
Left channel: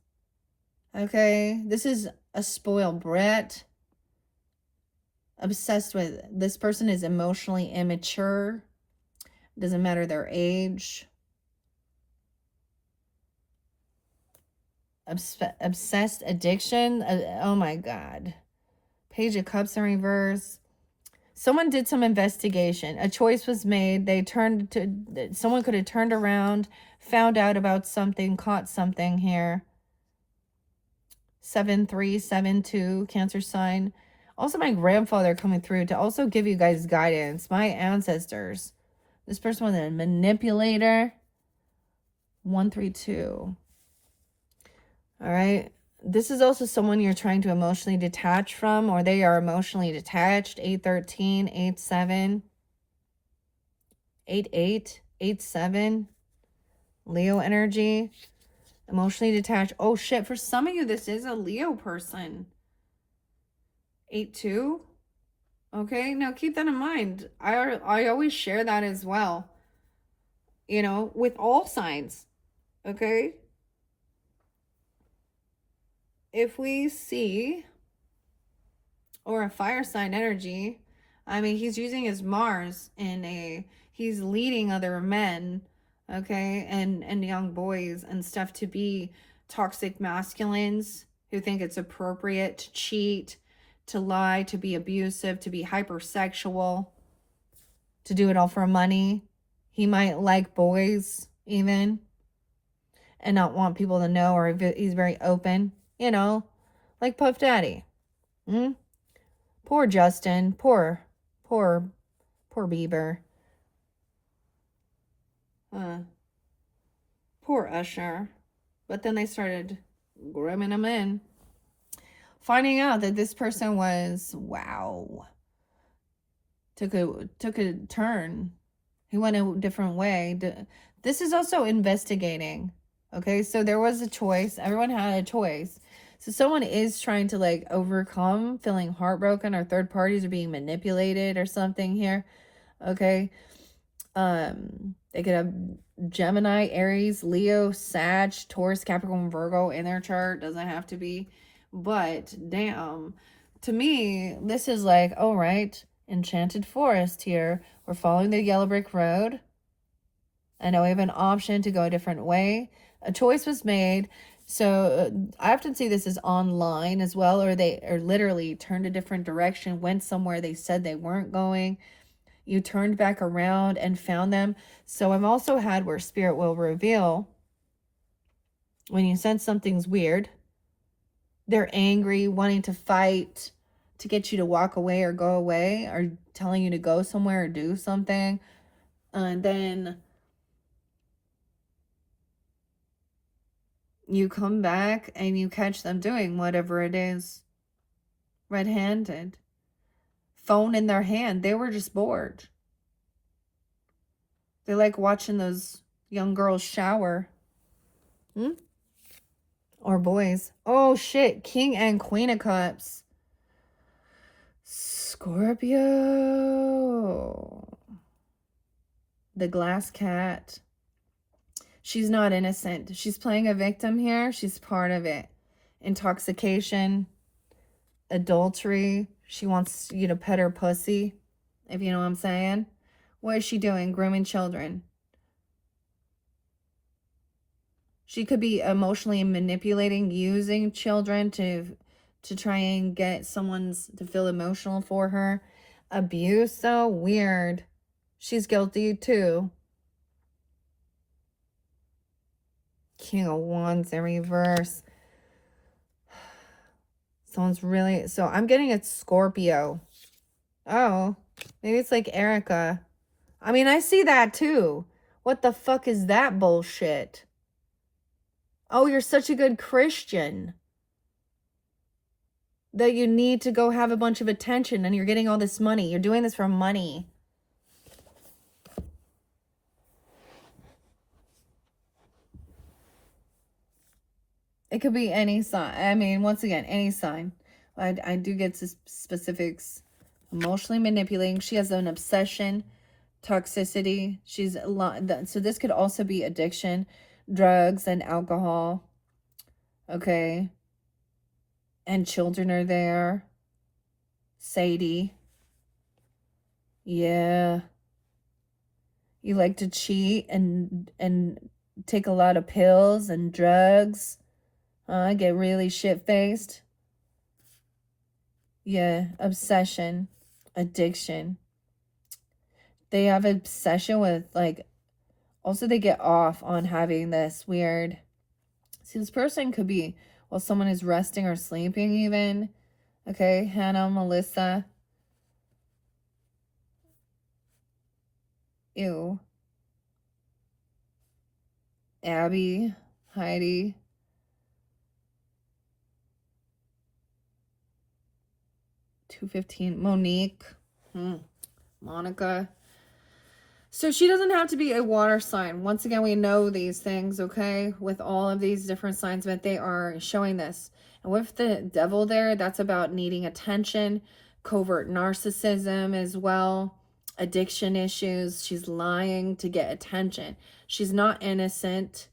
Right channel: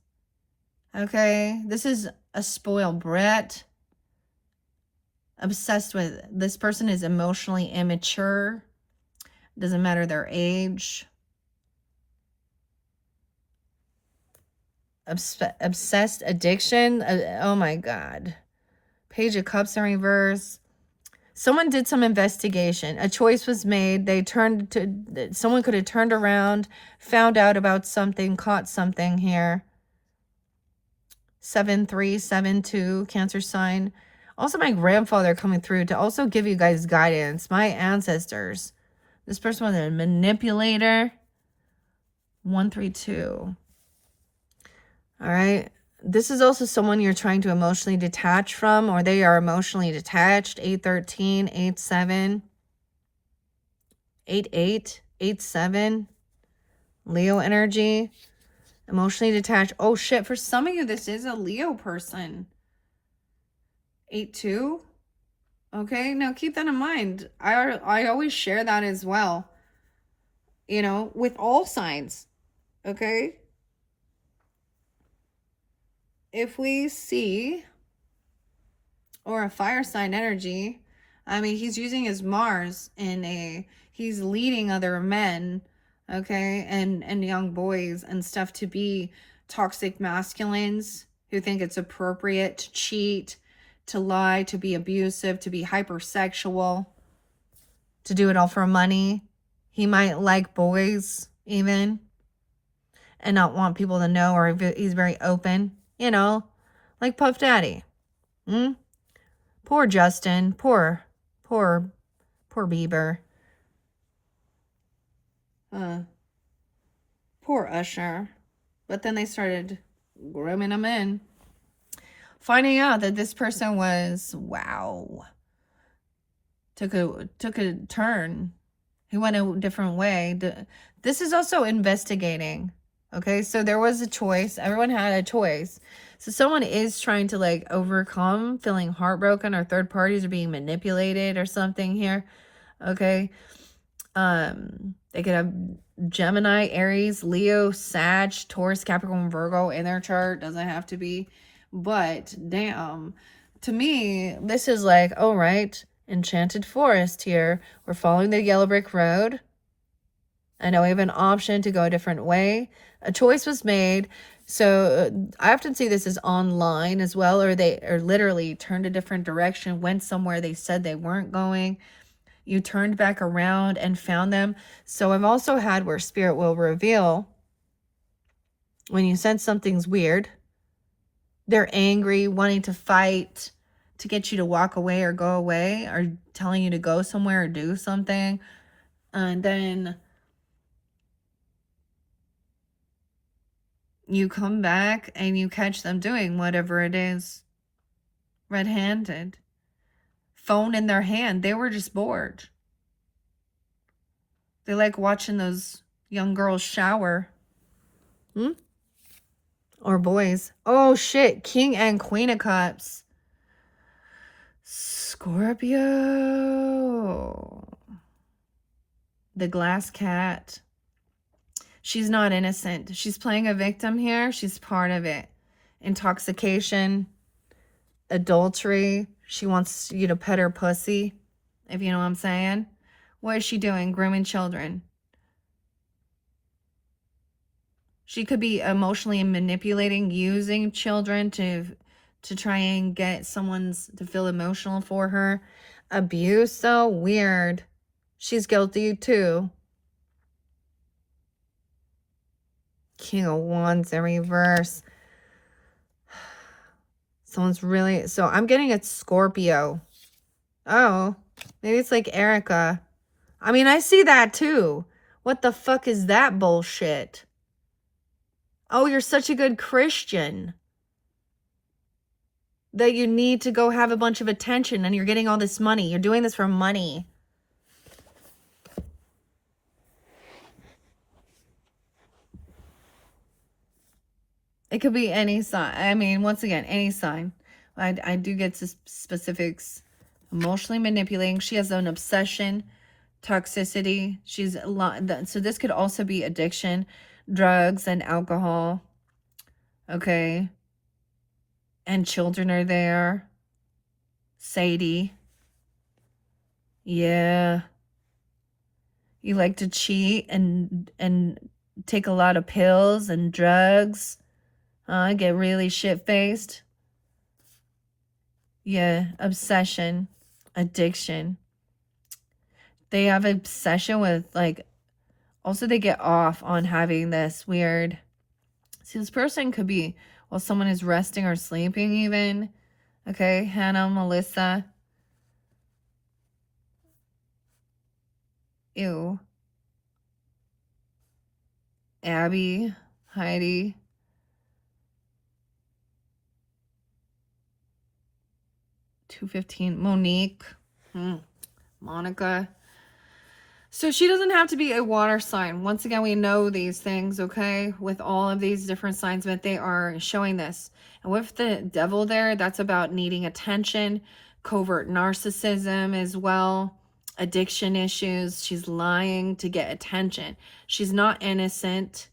Okay, this is a spoiled brat. Obsessed with, this person is emotionally immature. Doesn't matter their age. Obsessed addiction. Oh my God. Page of Cups in reverse. Someone did some investigation. A choice was made. Someone could have turned around, found out about something, caught something here. 7372, Cancer sign. Also, my grandfather coming through to also give you guys guidance. My ancestors. This person was a manipulator. 132. All right. This is also someone you're trying to emotionally detach from, or they are emotionally detached. 813, 87, 88, 87. Leo energy. Emotionally detached. Oh shit. For some of you, this is a Leo person. 82. Okay. Now keep that in mind. I always share that as well. You know, with all signs. Okay. If we see, or a fire sign energy, I mean, he's using his Mars he's leading other men, okay, and young boys and stuff to be toxic masculines who think it's appropriate to cheat, to lie, to be abusive, to be hypersexual, to do it all for money. He might like boys even and not want people to know, or he's very open, you know, like Puff Daddy. Poor Justin. Poor Bieber. Poor Usher. But then they started grooming him in. finding out that this person was, wow, took a turn. He went a different way. This is also investigating. Okay, so there was a choice. Everyone had a choice. So someone is trying to like overcome feeling heartbroken, or third parties are being manipulated or something here. Okay. They could have Gemini, Aries, Leo, Sag, Taurus, Capricorn, Virgo in their chart. Doesn't have to be. But damn, to me, this is like, all right, enchanted forest here. We're following the yellow brick road. I know we have an option to go a different way. A choice was made. So I often see this as online as well, or they are literally turned a different direction, went somewhere they said they weren't going. You turned back around and found them. So I've also had where spirit will reveal when you sense something's weird, they're angry, wanting to fight, to get you to walk away or go away, or telling you to go somewhere or do something. And then you come back and you catch them doing whatever it is, red-handed, phone in their hand. They were just bored. They like watching those young girls shower. Or boys. Oh shit, King and Queen of Cups. Scorpio. The glass cat. She's not innocent. She's playing a victim here. She's part of it. Intoxication, adultery. She wants you to pet her pussy, if you know what I'm saying. What is she doing? Grooming children. She could be emotionally manipulating, using children to try and get someone's to feel emotional for her. Abuse, so weird. She's guilty too. King of Wands in reverse. Someone's really, so I'm getting a Scorpio. Oh, maybe it's like Erica. I mean, I see that too. What the fuck is that bullshit? Oh, you're such a good Christian that you need to go have a bunch of attention and you're getting all this money. You're doing this for money. It could be any sign. I mean, once again, any sign. I do get to specifics. Emotionally manipulating. She has an obsession, toxicity. She's a lot. So this could also be addiction, drugs and alcohol. Okay. And children are there. Sadie. Yeah. You like to cheat and take a lot of pills and drugs. Get really shit-faced. Yeah, obsession, addiction. They have obsession with, like, also they get off on having this weird. See, this person could be while someone is resting or sleeping even. Okay, Hannah, Melissa. Ew. Abby, Heidi. $215. Monique. Monica. So she doesn't have to be a water sign. Once again, we know these things, okay? With all of these different signs, but they are showing this. And with the devil there, that's about needing attention, covert narcissism as well, addiction issues. She's lying to get attention. She's not innocent.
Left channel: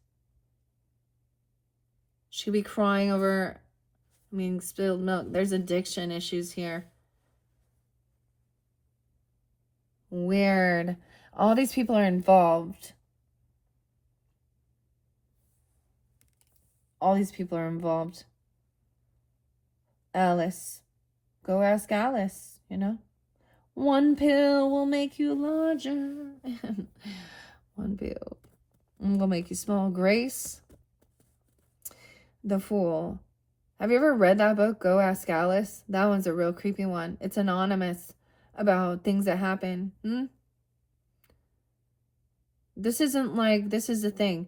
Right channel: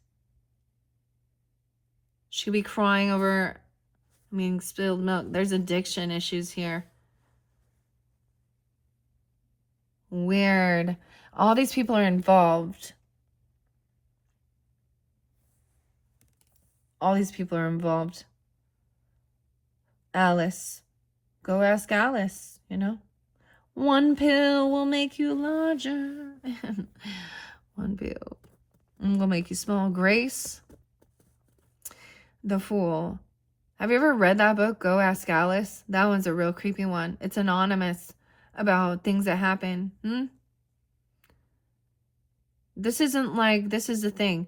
She could be crying over, spilled milk. There's addiction issues here. Weird. All these people are involved. All these people are involved. Alice. Go ask Alice, you know? One pill will make you larger. One pill. I'm gonna make you small. Grace. The Fool. Have you ever read that book, Go Ask Alice? That one's a real creepy one. It's anonymous about things that happen. This isn't like, this is the thing.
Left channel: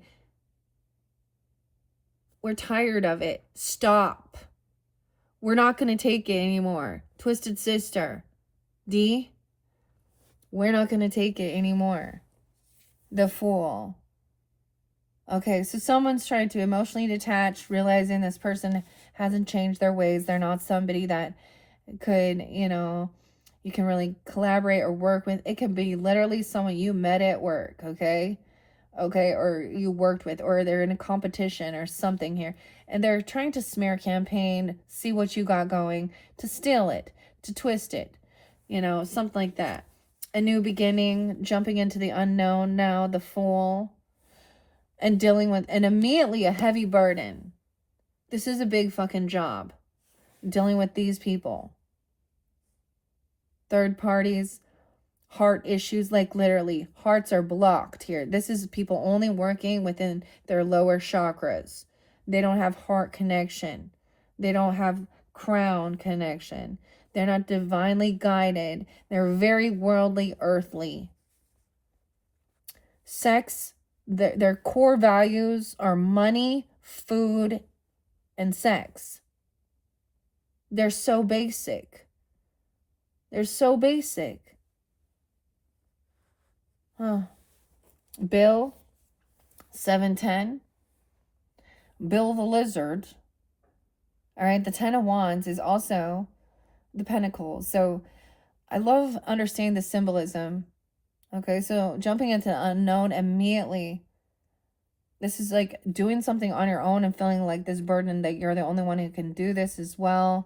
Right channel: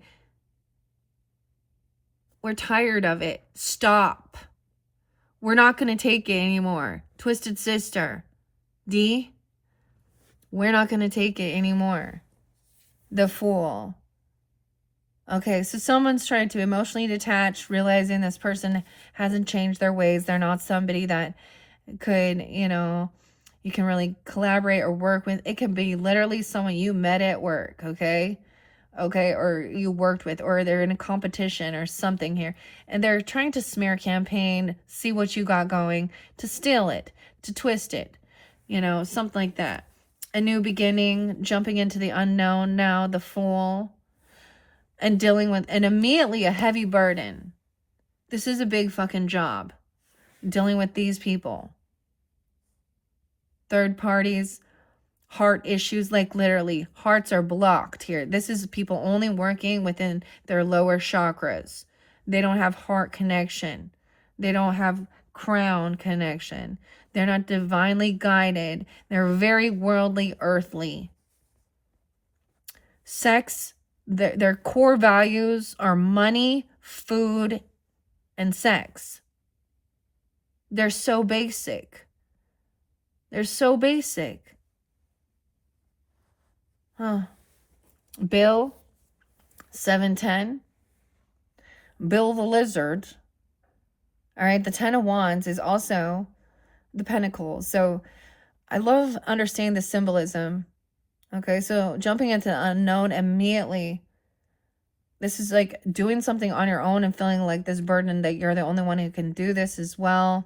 We're tired of it. Stop. We're not going to take it anymore. Twisted Sister. D. We're not going to take it anymore. The Fool. Okay, so someone's trying to emotionally detach, realizing this person hasn't changed their ways. They're not somebody that could, you can really collaborate or work with. It could be literally someone you met at work, okay? Okay, or you worked with, or they're in a competition or something here. And they're trying to smear campaign, see what you got going, to steal it, to twist it, something like that. A new beginning, jumping into the unknown now, the Fool. And dealing with, and immediately a heavy burden. This is a big fucking job. Dealing with these people. Third parties, heart issues, like literally hearts are blocked here. This is people only working within their lower chakras. They don't have heart connection. They don't have crown connection. They're not divinely guided. They're very worldly, earthly. Sex, their core values are money, food, and sex. They're so basic. They're so basic. Bill, 710. Bill the Lizard. All right, the 10 of Wands is also the Pentacles. So I love understanding the symbolism. Okay, so jumping into the unknown immediately. This is like doing something on your own and feeling like this burden that you're the only one who can do this as well.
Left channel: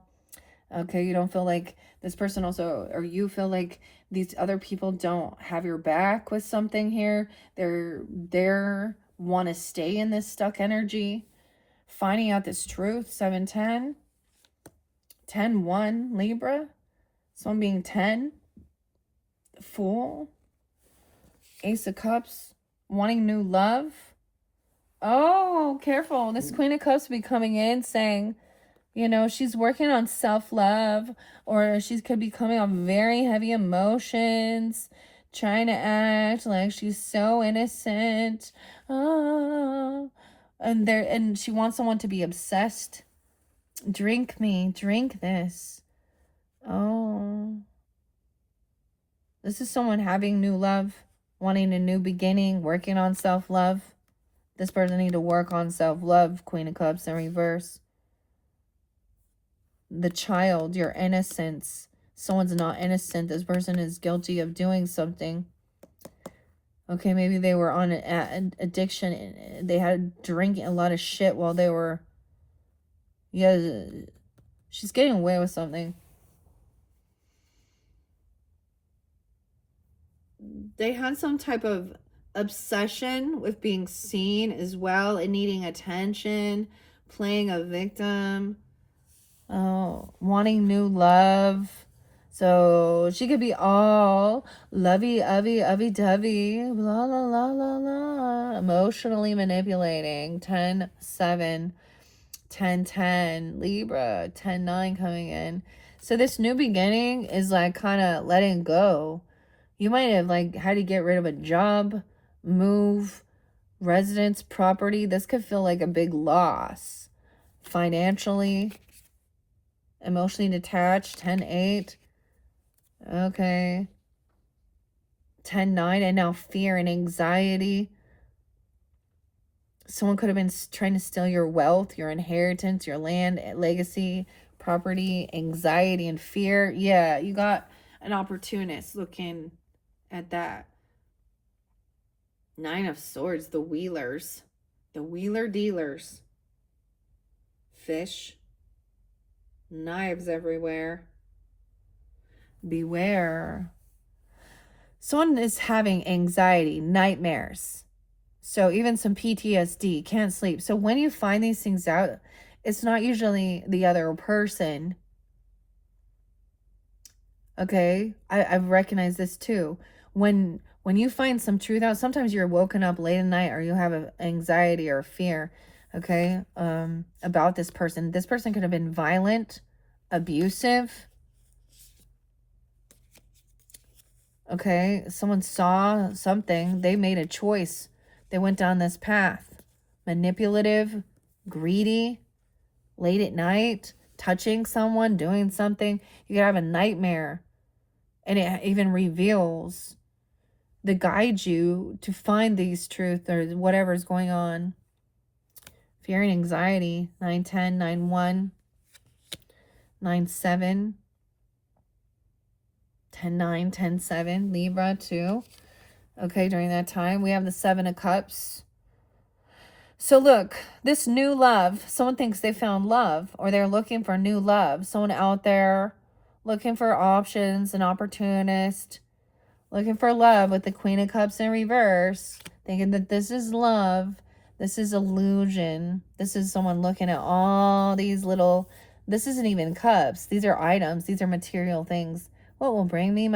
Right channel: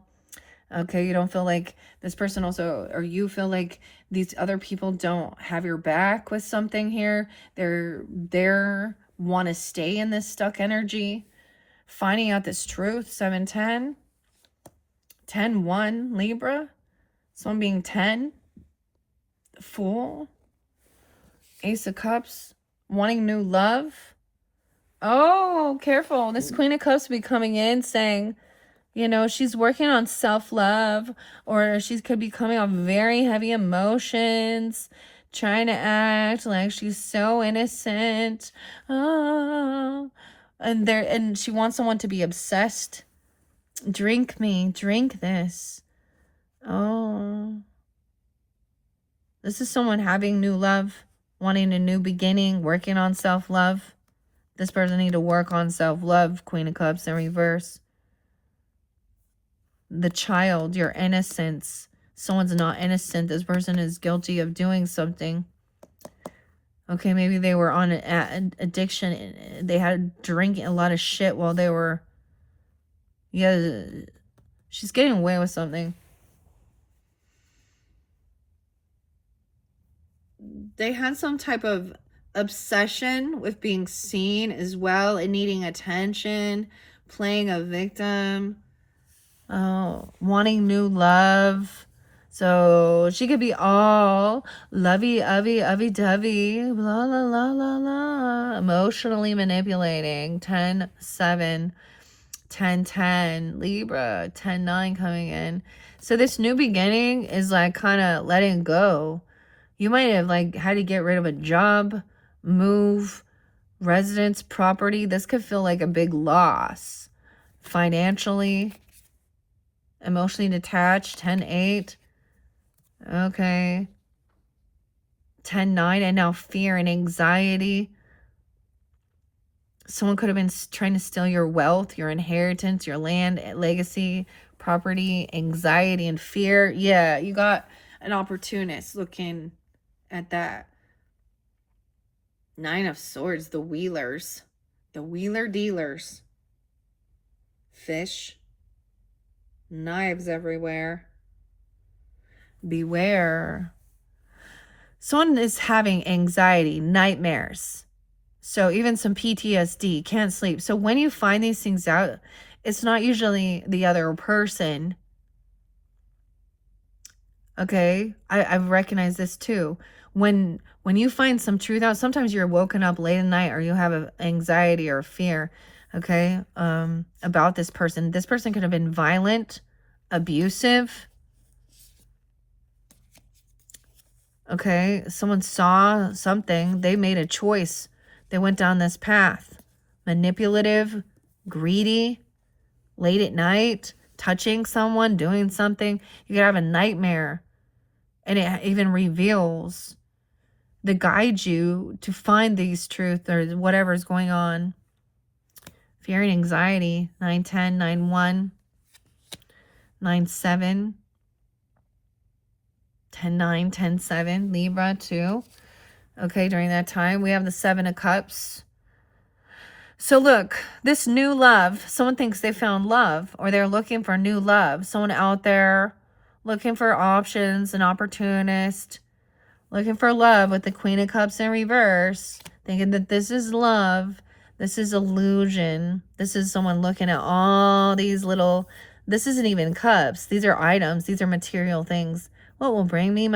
Okay, you don't feel like this person also, or you feel like these other people don't have your back with something here. They're want to stay in this stuck energy. Finding out this truth, 710. 10-1, Libra. Someone being 10. Fool. Ace of Cups, wanting new love. Oh, careful. This Queen of Cups will be coming in saying, she's working on self-love, or she could be coming off very heavy emotions, trying to act like she's so innocent. Oh, and she wants someone to be obsessed. Drink me, drink this. Oh, this is someone having new love. Wanting a new beginning, working on self-love. This person need to work on self-love, Queen of Cups in reverse. The Child, your innocence. Someone's not innocent. This person is guilty of doing something. Okay, maybe they were on an addiction. They had drinking a lot of shit while they were... Yeah, she's getting away with something. They had some type of obsession with being seen as well and needing attention, playing a victim, wanting new love. So she could be all lovey-dovey, blah, la, la, la, la, emotionally manipulating. 10-7, 10-10, Libra, 10-9 coming in. So this new beginning is like kind of letting go. You might have like had to get rid of a job, move, residence, property. This could feel like a big loss. Financially, emotionally detached, 10-8. Okay. 10-9, and now fear and anxiety. Someone could have been trying to steal your wealth, your inheritance, your land, legacy, property, anxiety, and fear. Yeah, you got an opportunist looking at that. 9 of Swords, the Wheelers, the Wheeler Dealers. Fish. Knives everywhere. Beware. Someone is having anxiety, nightmares. So even some PTSD, can't sleep. So when you find these things out, it's not usually the other person. Okay, I've recognized this too. When you find some truth out, sometimes you're woken up late at night or you have an anxiety or fear, okay, about this person. This person could have been violent, abusive. Okay, someone saw something. They made a choice. They went down this path. Manipulative, greedy, late at night, touching someone, doing something. You could have a nightmare, and it even reveals to guide you to find these truths or whatever is going on. Fear and anxiety, 910, 91, 97, 10-9, 10-7, Libra too. Okay, during that time, we have the 7 of Cups. So look, this new love, someone thinks they found love, or they're looking for new love. Someone out there looking for options, an opportunist, looking for love with the Queen of Cups in reverse, thinking that this is love, this is illusion. This is someone looking at all these little, this isn't even cups. These are items. These are material things. What will bring me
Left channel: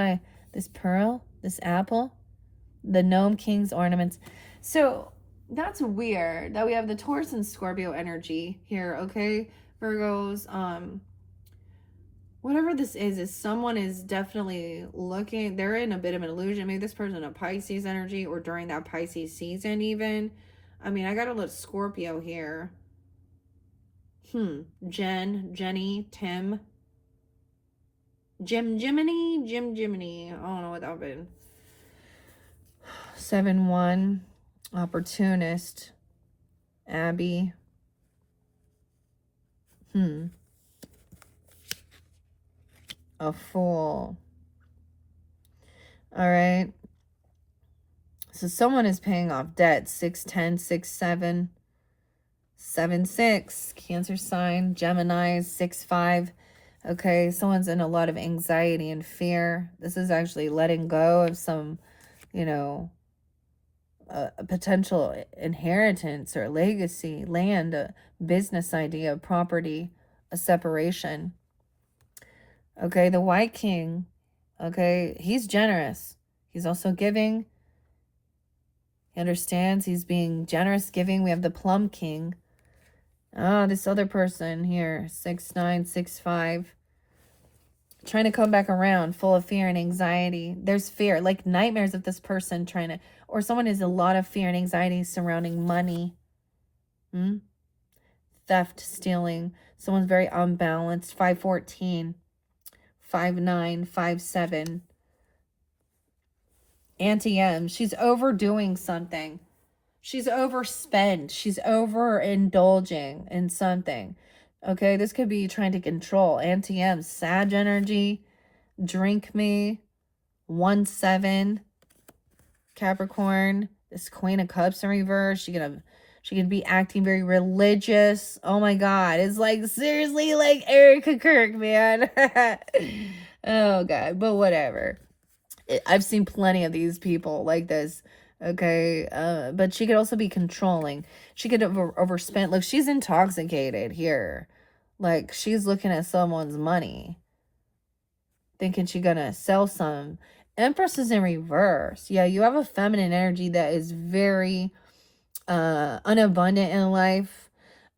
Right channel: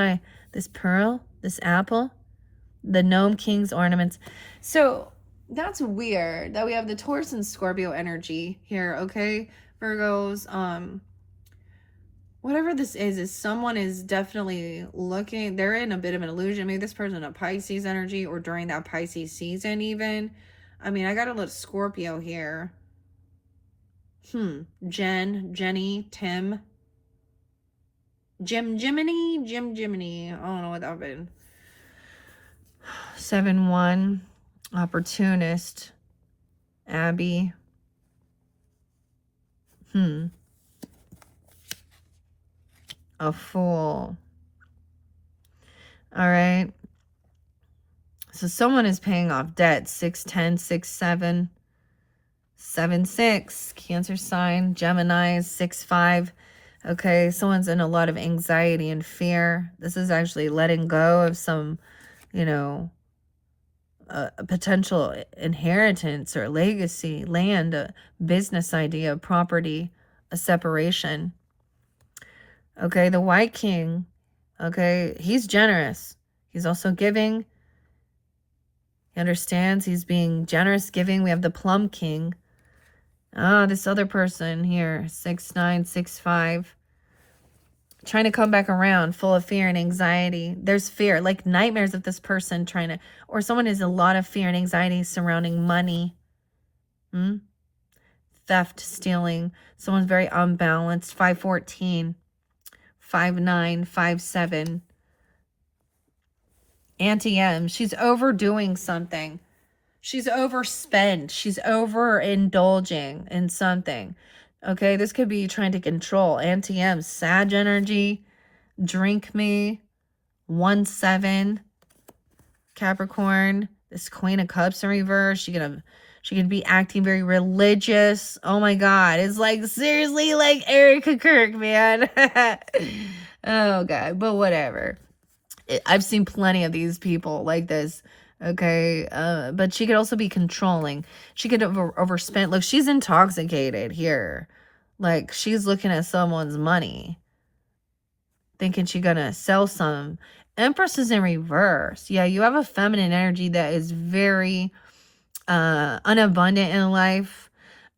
this pearl, this apple, the Gnome King's ornaments? So that's weird that we have the Taurus and Scorpio energy here, okay? Virgos, whatever this is someone is definitely looking, they're in a bit of an illusion. Maybe this person a Pisces energy, or during that Pisces season even. I mean, I got a little Scorpio here. Jenny, Tim. Jiminy. I don't know what that been. 7-1. Opportunist. Abby. A Fool. All right. So someone is paying off debt. 6-10, 6-7, 7-6. Cancer sign. Gemini, 6-5. Okay, someone's in a lot of anxiety and fear. This is actually letting go of some, a potential inheritance or legacy, land, a business idea, property, a separation. Okay, the White King, okay, he's generous. He's also giving. He understands. He's being generous, giving. We have the Plum King. This other person here, 6-9, 6-5. Trying to come back around, full of fear and anxiety. There's fear, like nightmares of this person trying to, or someone has a lot of fear and anxiety surrounding money. Theft, stealing. Someone's very unbalanced. 5-14, 5-9, 5-7. Auntie M, she's overdoing something. She's overspent. She's overindulging in something. Okay, this could be trying to control. Auntie M, Sag energy, drink me, 1-7, Capricorn, this Queen of Cups in reverse. She could be acting very religious. Oh my God, it's like seriously like Erica Kirk, man. Oh God, but whatever. I've seen plenty of these people like this. Okay, but she could also be controlling. She could have overspent. Look, she's intoxicated here. Like, she's looking at someone's money, thinking she's gonna sell some. Empress is in reverse. Yeah, you have a feminine energy that is very unabundant in life,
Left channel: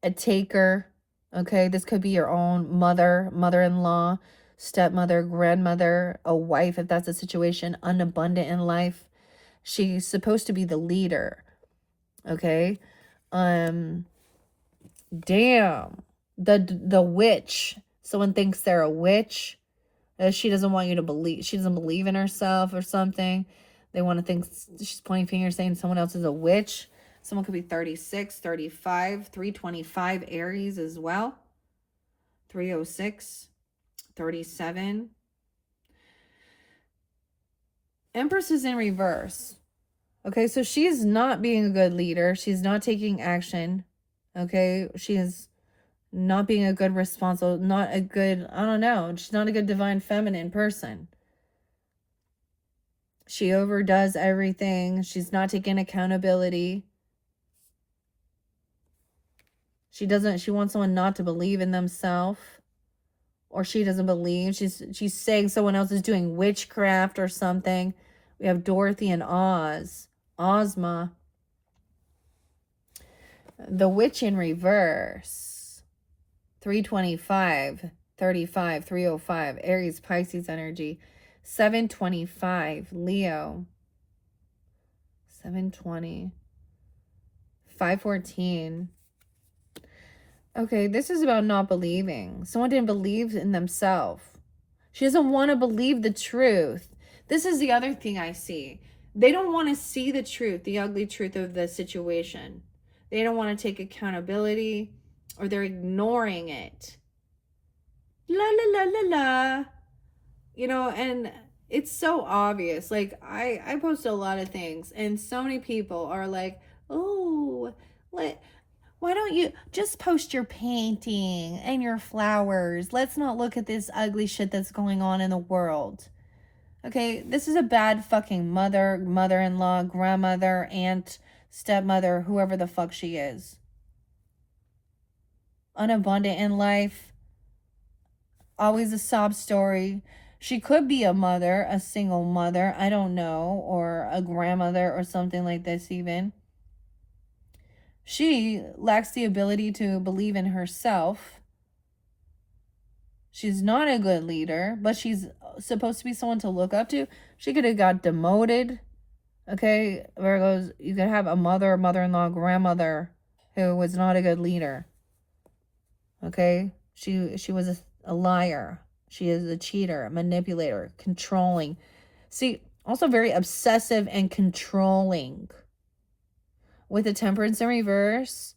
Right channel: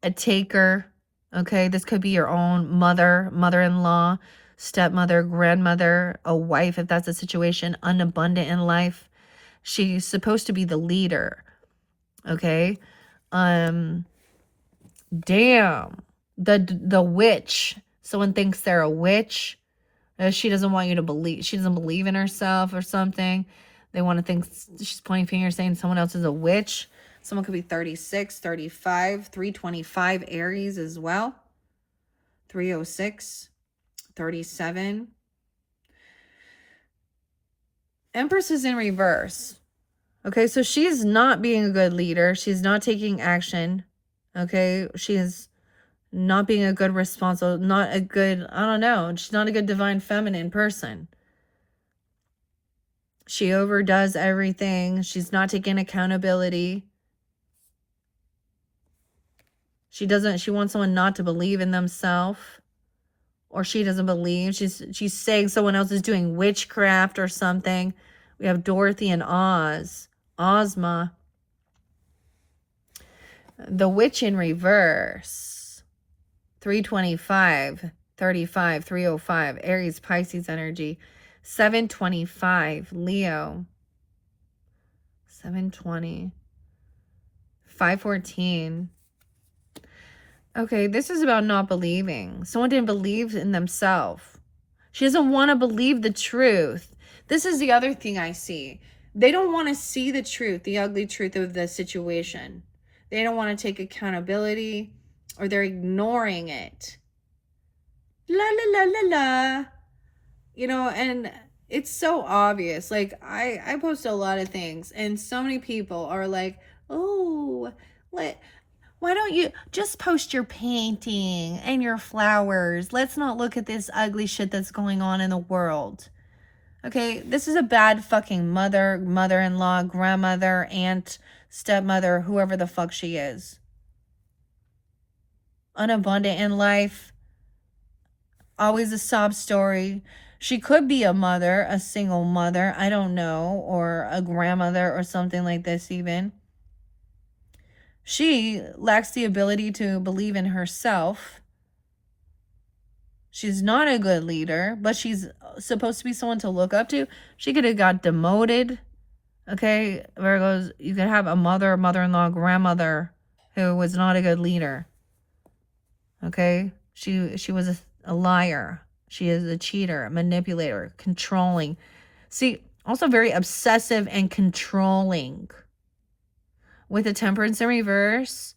a taker. Okay, this could be your own mother, mother-in-law, stepmother, grandmother, a wife, if that's a situation, unabundant in life. She's supposed to be the leader. Okay. Damn. The witch. Someone thinks they're a witch. She doesn't want you to believe. She doesn't believe in herself or something. They want to think she's pointing fingers saying someone else is a witch. Someone could be 36, 35, 325 Aries as well. 306, 37. Empress is in reverse. Okay, so she is not being a good leader. She's not taking action. Okay, she is not being a good responsible, not a good, I don't know. She's not a good divine feminine person. She overdoes everything. She's not taking accountability. She wants someone not to believe in themselves. Or she doesn't believe. She's saying someone else is doing witchcraft or something. We have Dorothy and Oz. Ozma. The Witch in reverse. 325, 35, 305. Aries, Pisces energy. 725, Leo. 720. 514. Okay, this is about not believing. Someone didn't believe in themselves. She doesn't want to believe the truth. This is the other thing I see. They don't want to see the truth, the ugly truth of the situation. They don't want to take accountability, or they're ignoring it. La la la la la. You know, and it's so obvious. Like I post a lot of things, and so many people are like, oh, why don't you just post your painting and your flowers? Let's not look at this ugly shit that's going on in the world. Okay, this is a bad fucking mother, mother-in-law, grandmother, aunt, stepmother, whoever the fuck she is. Unabundant in life. Always a sob story. She could be a mother, a single mother, I don't know, or a grandmother or something like this even. She lacks the ability to believe in herself. She's not a good leader, but she's supposed to be someone to look up to. She could have got demoted. Okay, Virgos, you could have a mother, mother-in-law, grandmother who was not a good leader. Okay, she was a liar. She is a cheater, a manipulator, controlling. See, also very obsessive and controlling. With the Temperance in reverse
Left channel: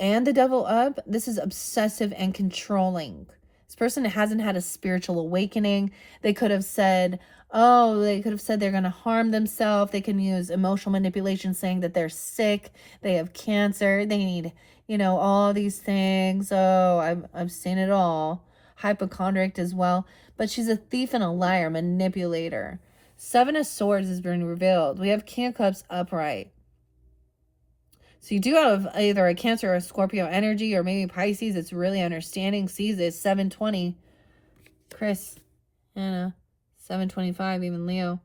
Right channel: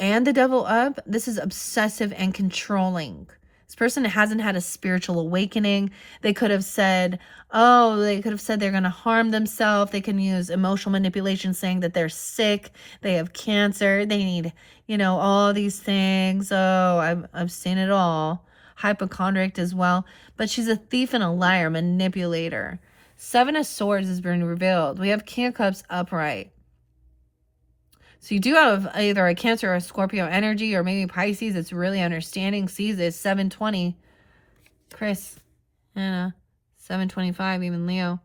and the Devil up, this is obsessive and controlling. This person hasn't had a spiritual awakening. They could have said, they're going to harm themselves. They can use emotional manipulation, saying that they're sick, they have cancer, they need, all these things. Oh, I've seen it all. Hypochondriac as well. But she's a thief and a liar, manipulator. Seven of Swords has been revealed. We have King of Cups upright. So you do have either a Cancer or a Scorpio energy, or maybe Pisces. It's really understanding, sees this. 720. Chris, Anna, 725, even Leo.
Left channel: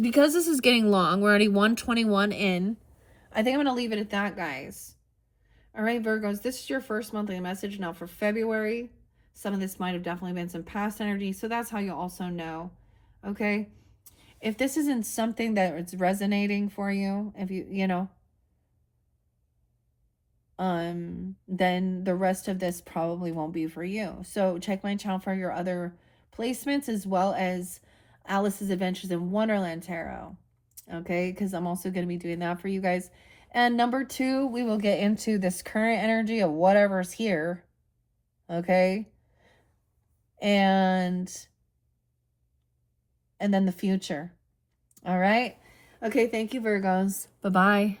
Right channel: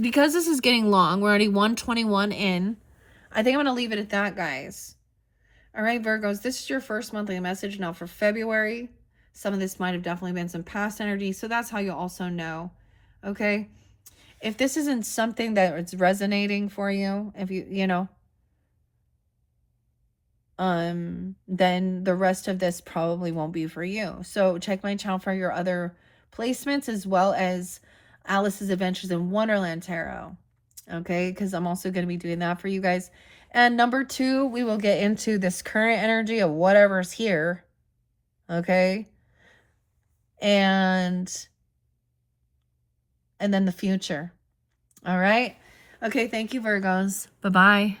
Because this is getting long, we're already 121 in. I think I'm going to leave it at that, guys. All right, Virgos, this is your first monthly message now for February. Some of this might have definitely been some past energy, so that's how you'll also know. Okay? If this isn't something that it's resonating for you, if then the rest of this probably won't be for you. So check my channel for your other placements, as well as Alice's Adventures in Wonderland Tarot. Okay, because I'm also going to be doing that for you guys. And number 2, we will get into this current energy of whatever's here. Okay. And then the future. All right. Okay. Thank you, Virgos. Bye-bye.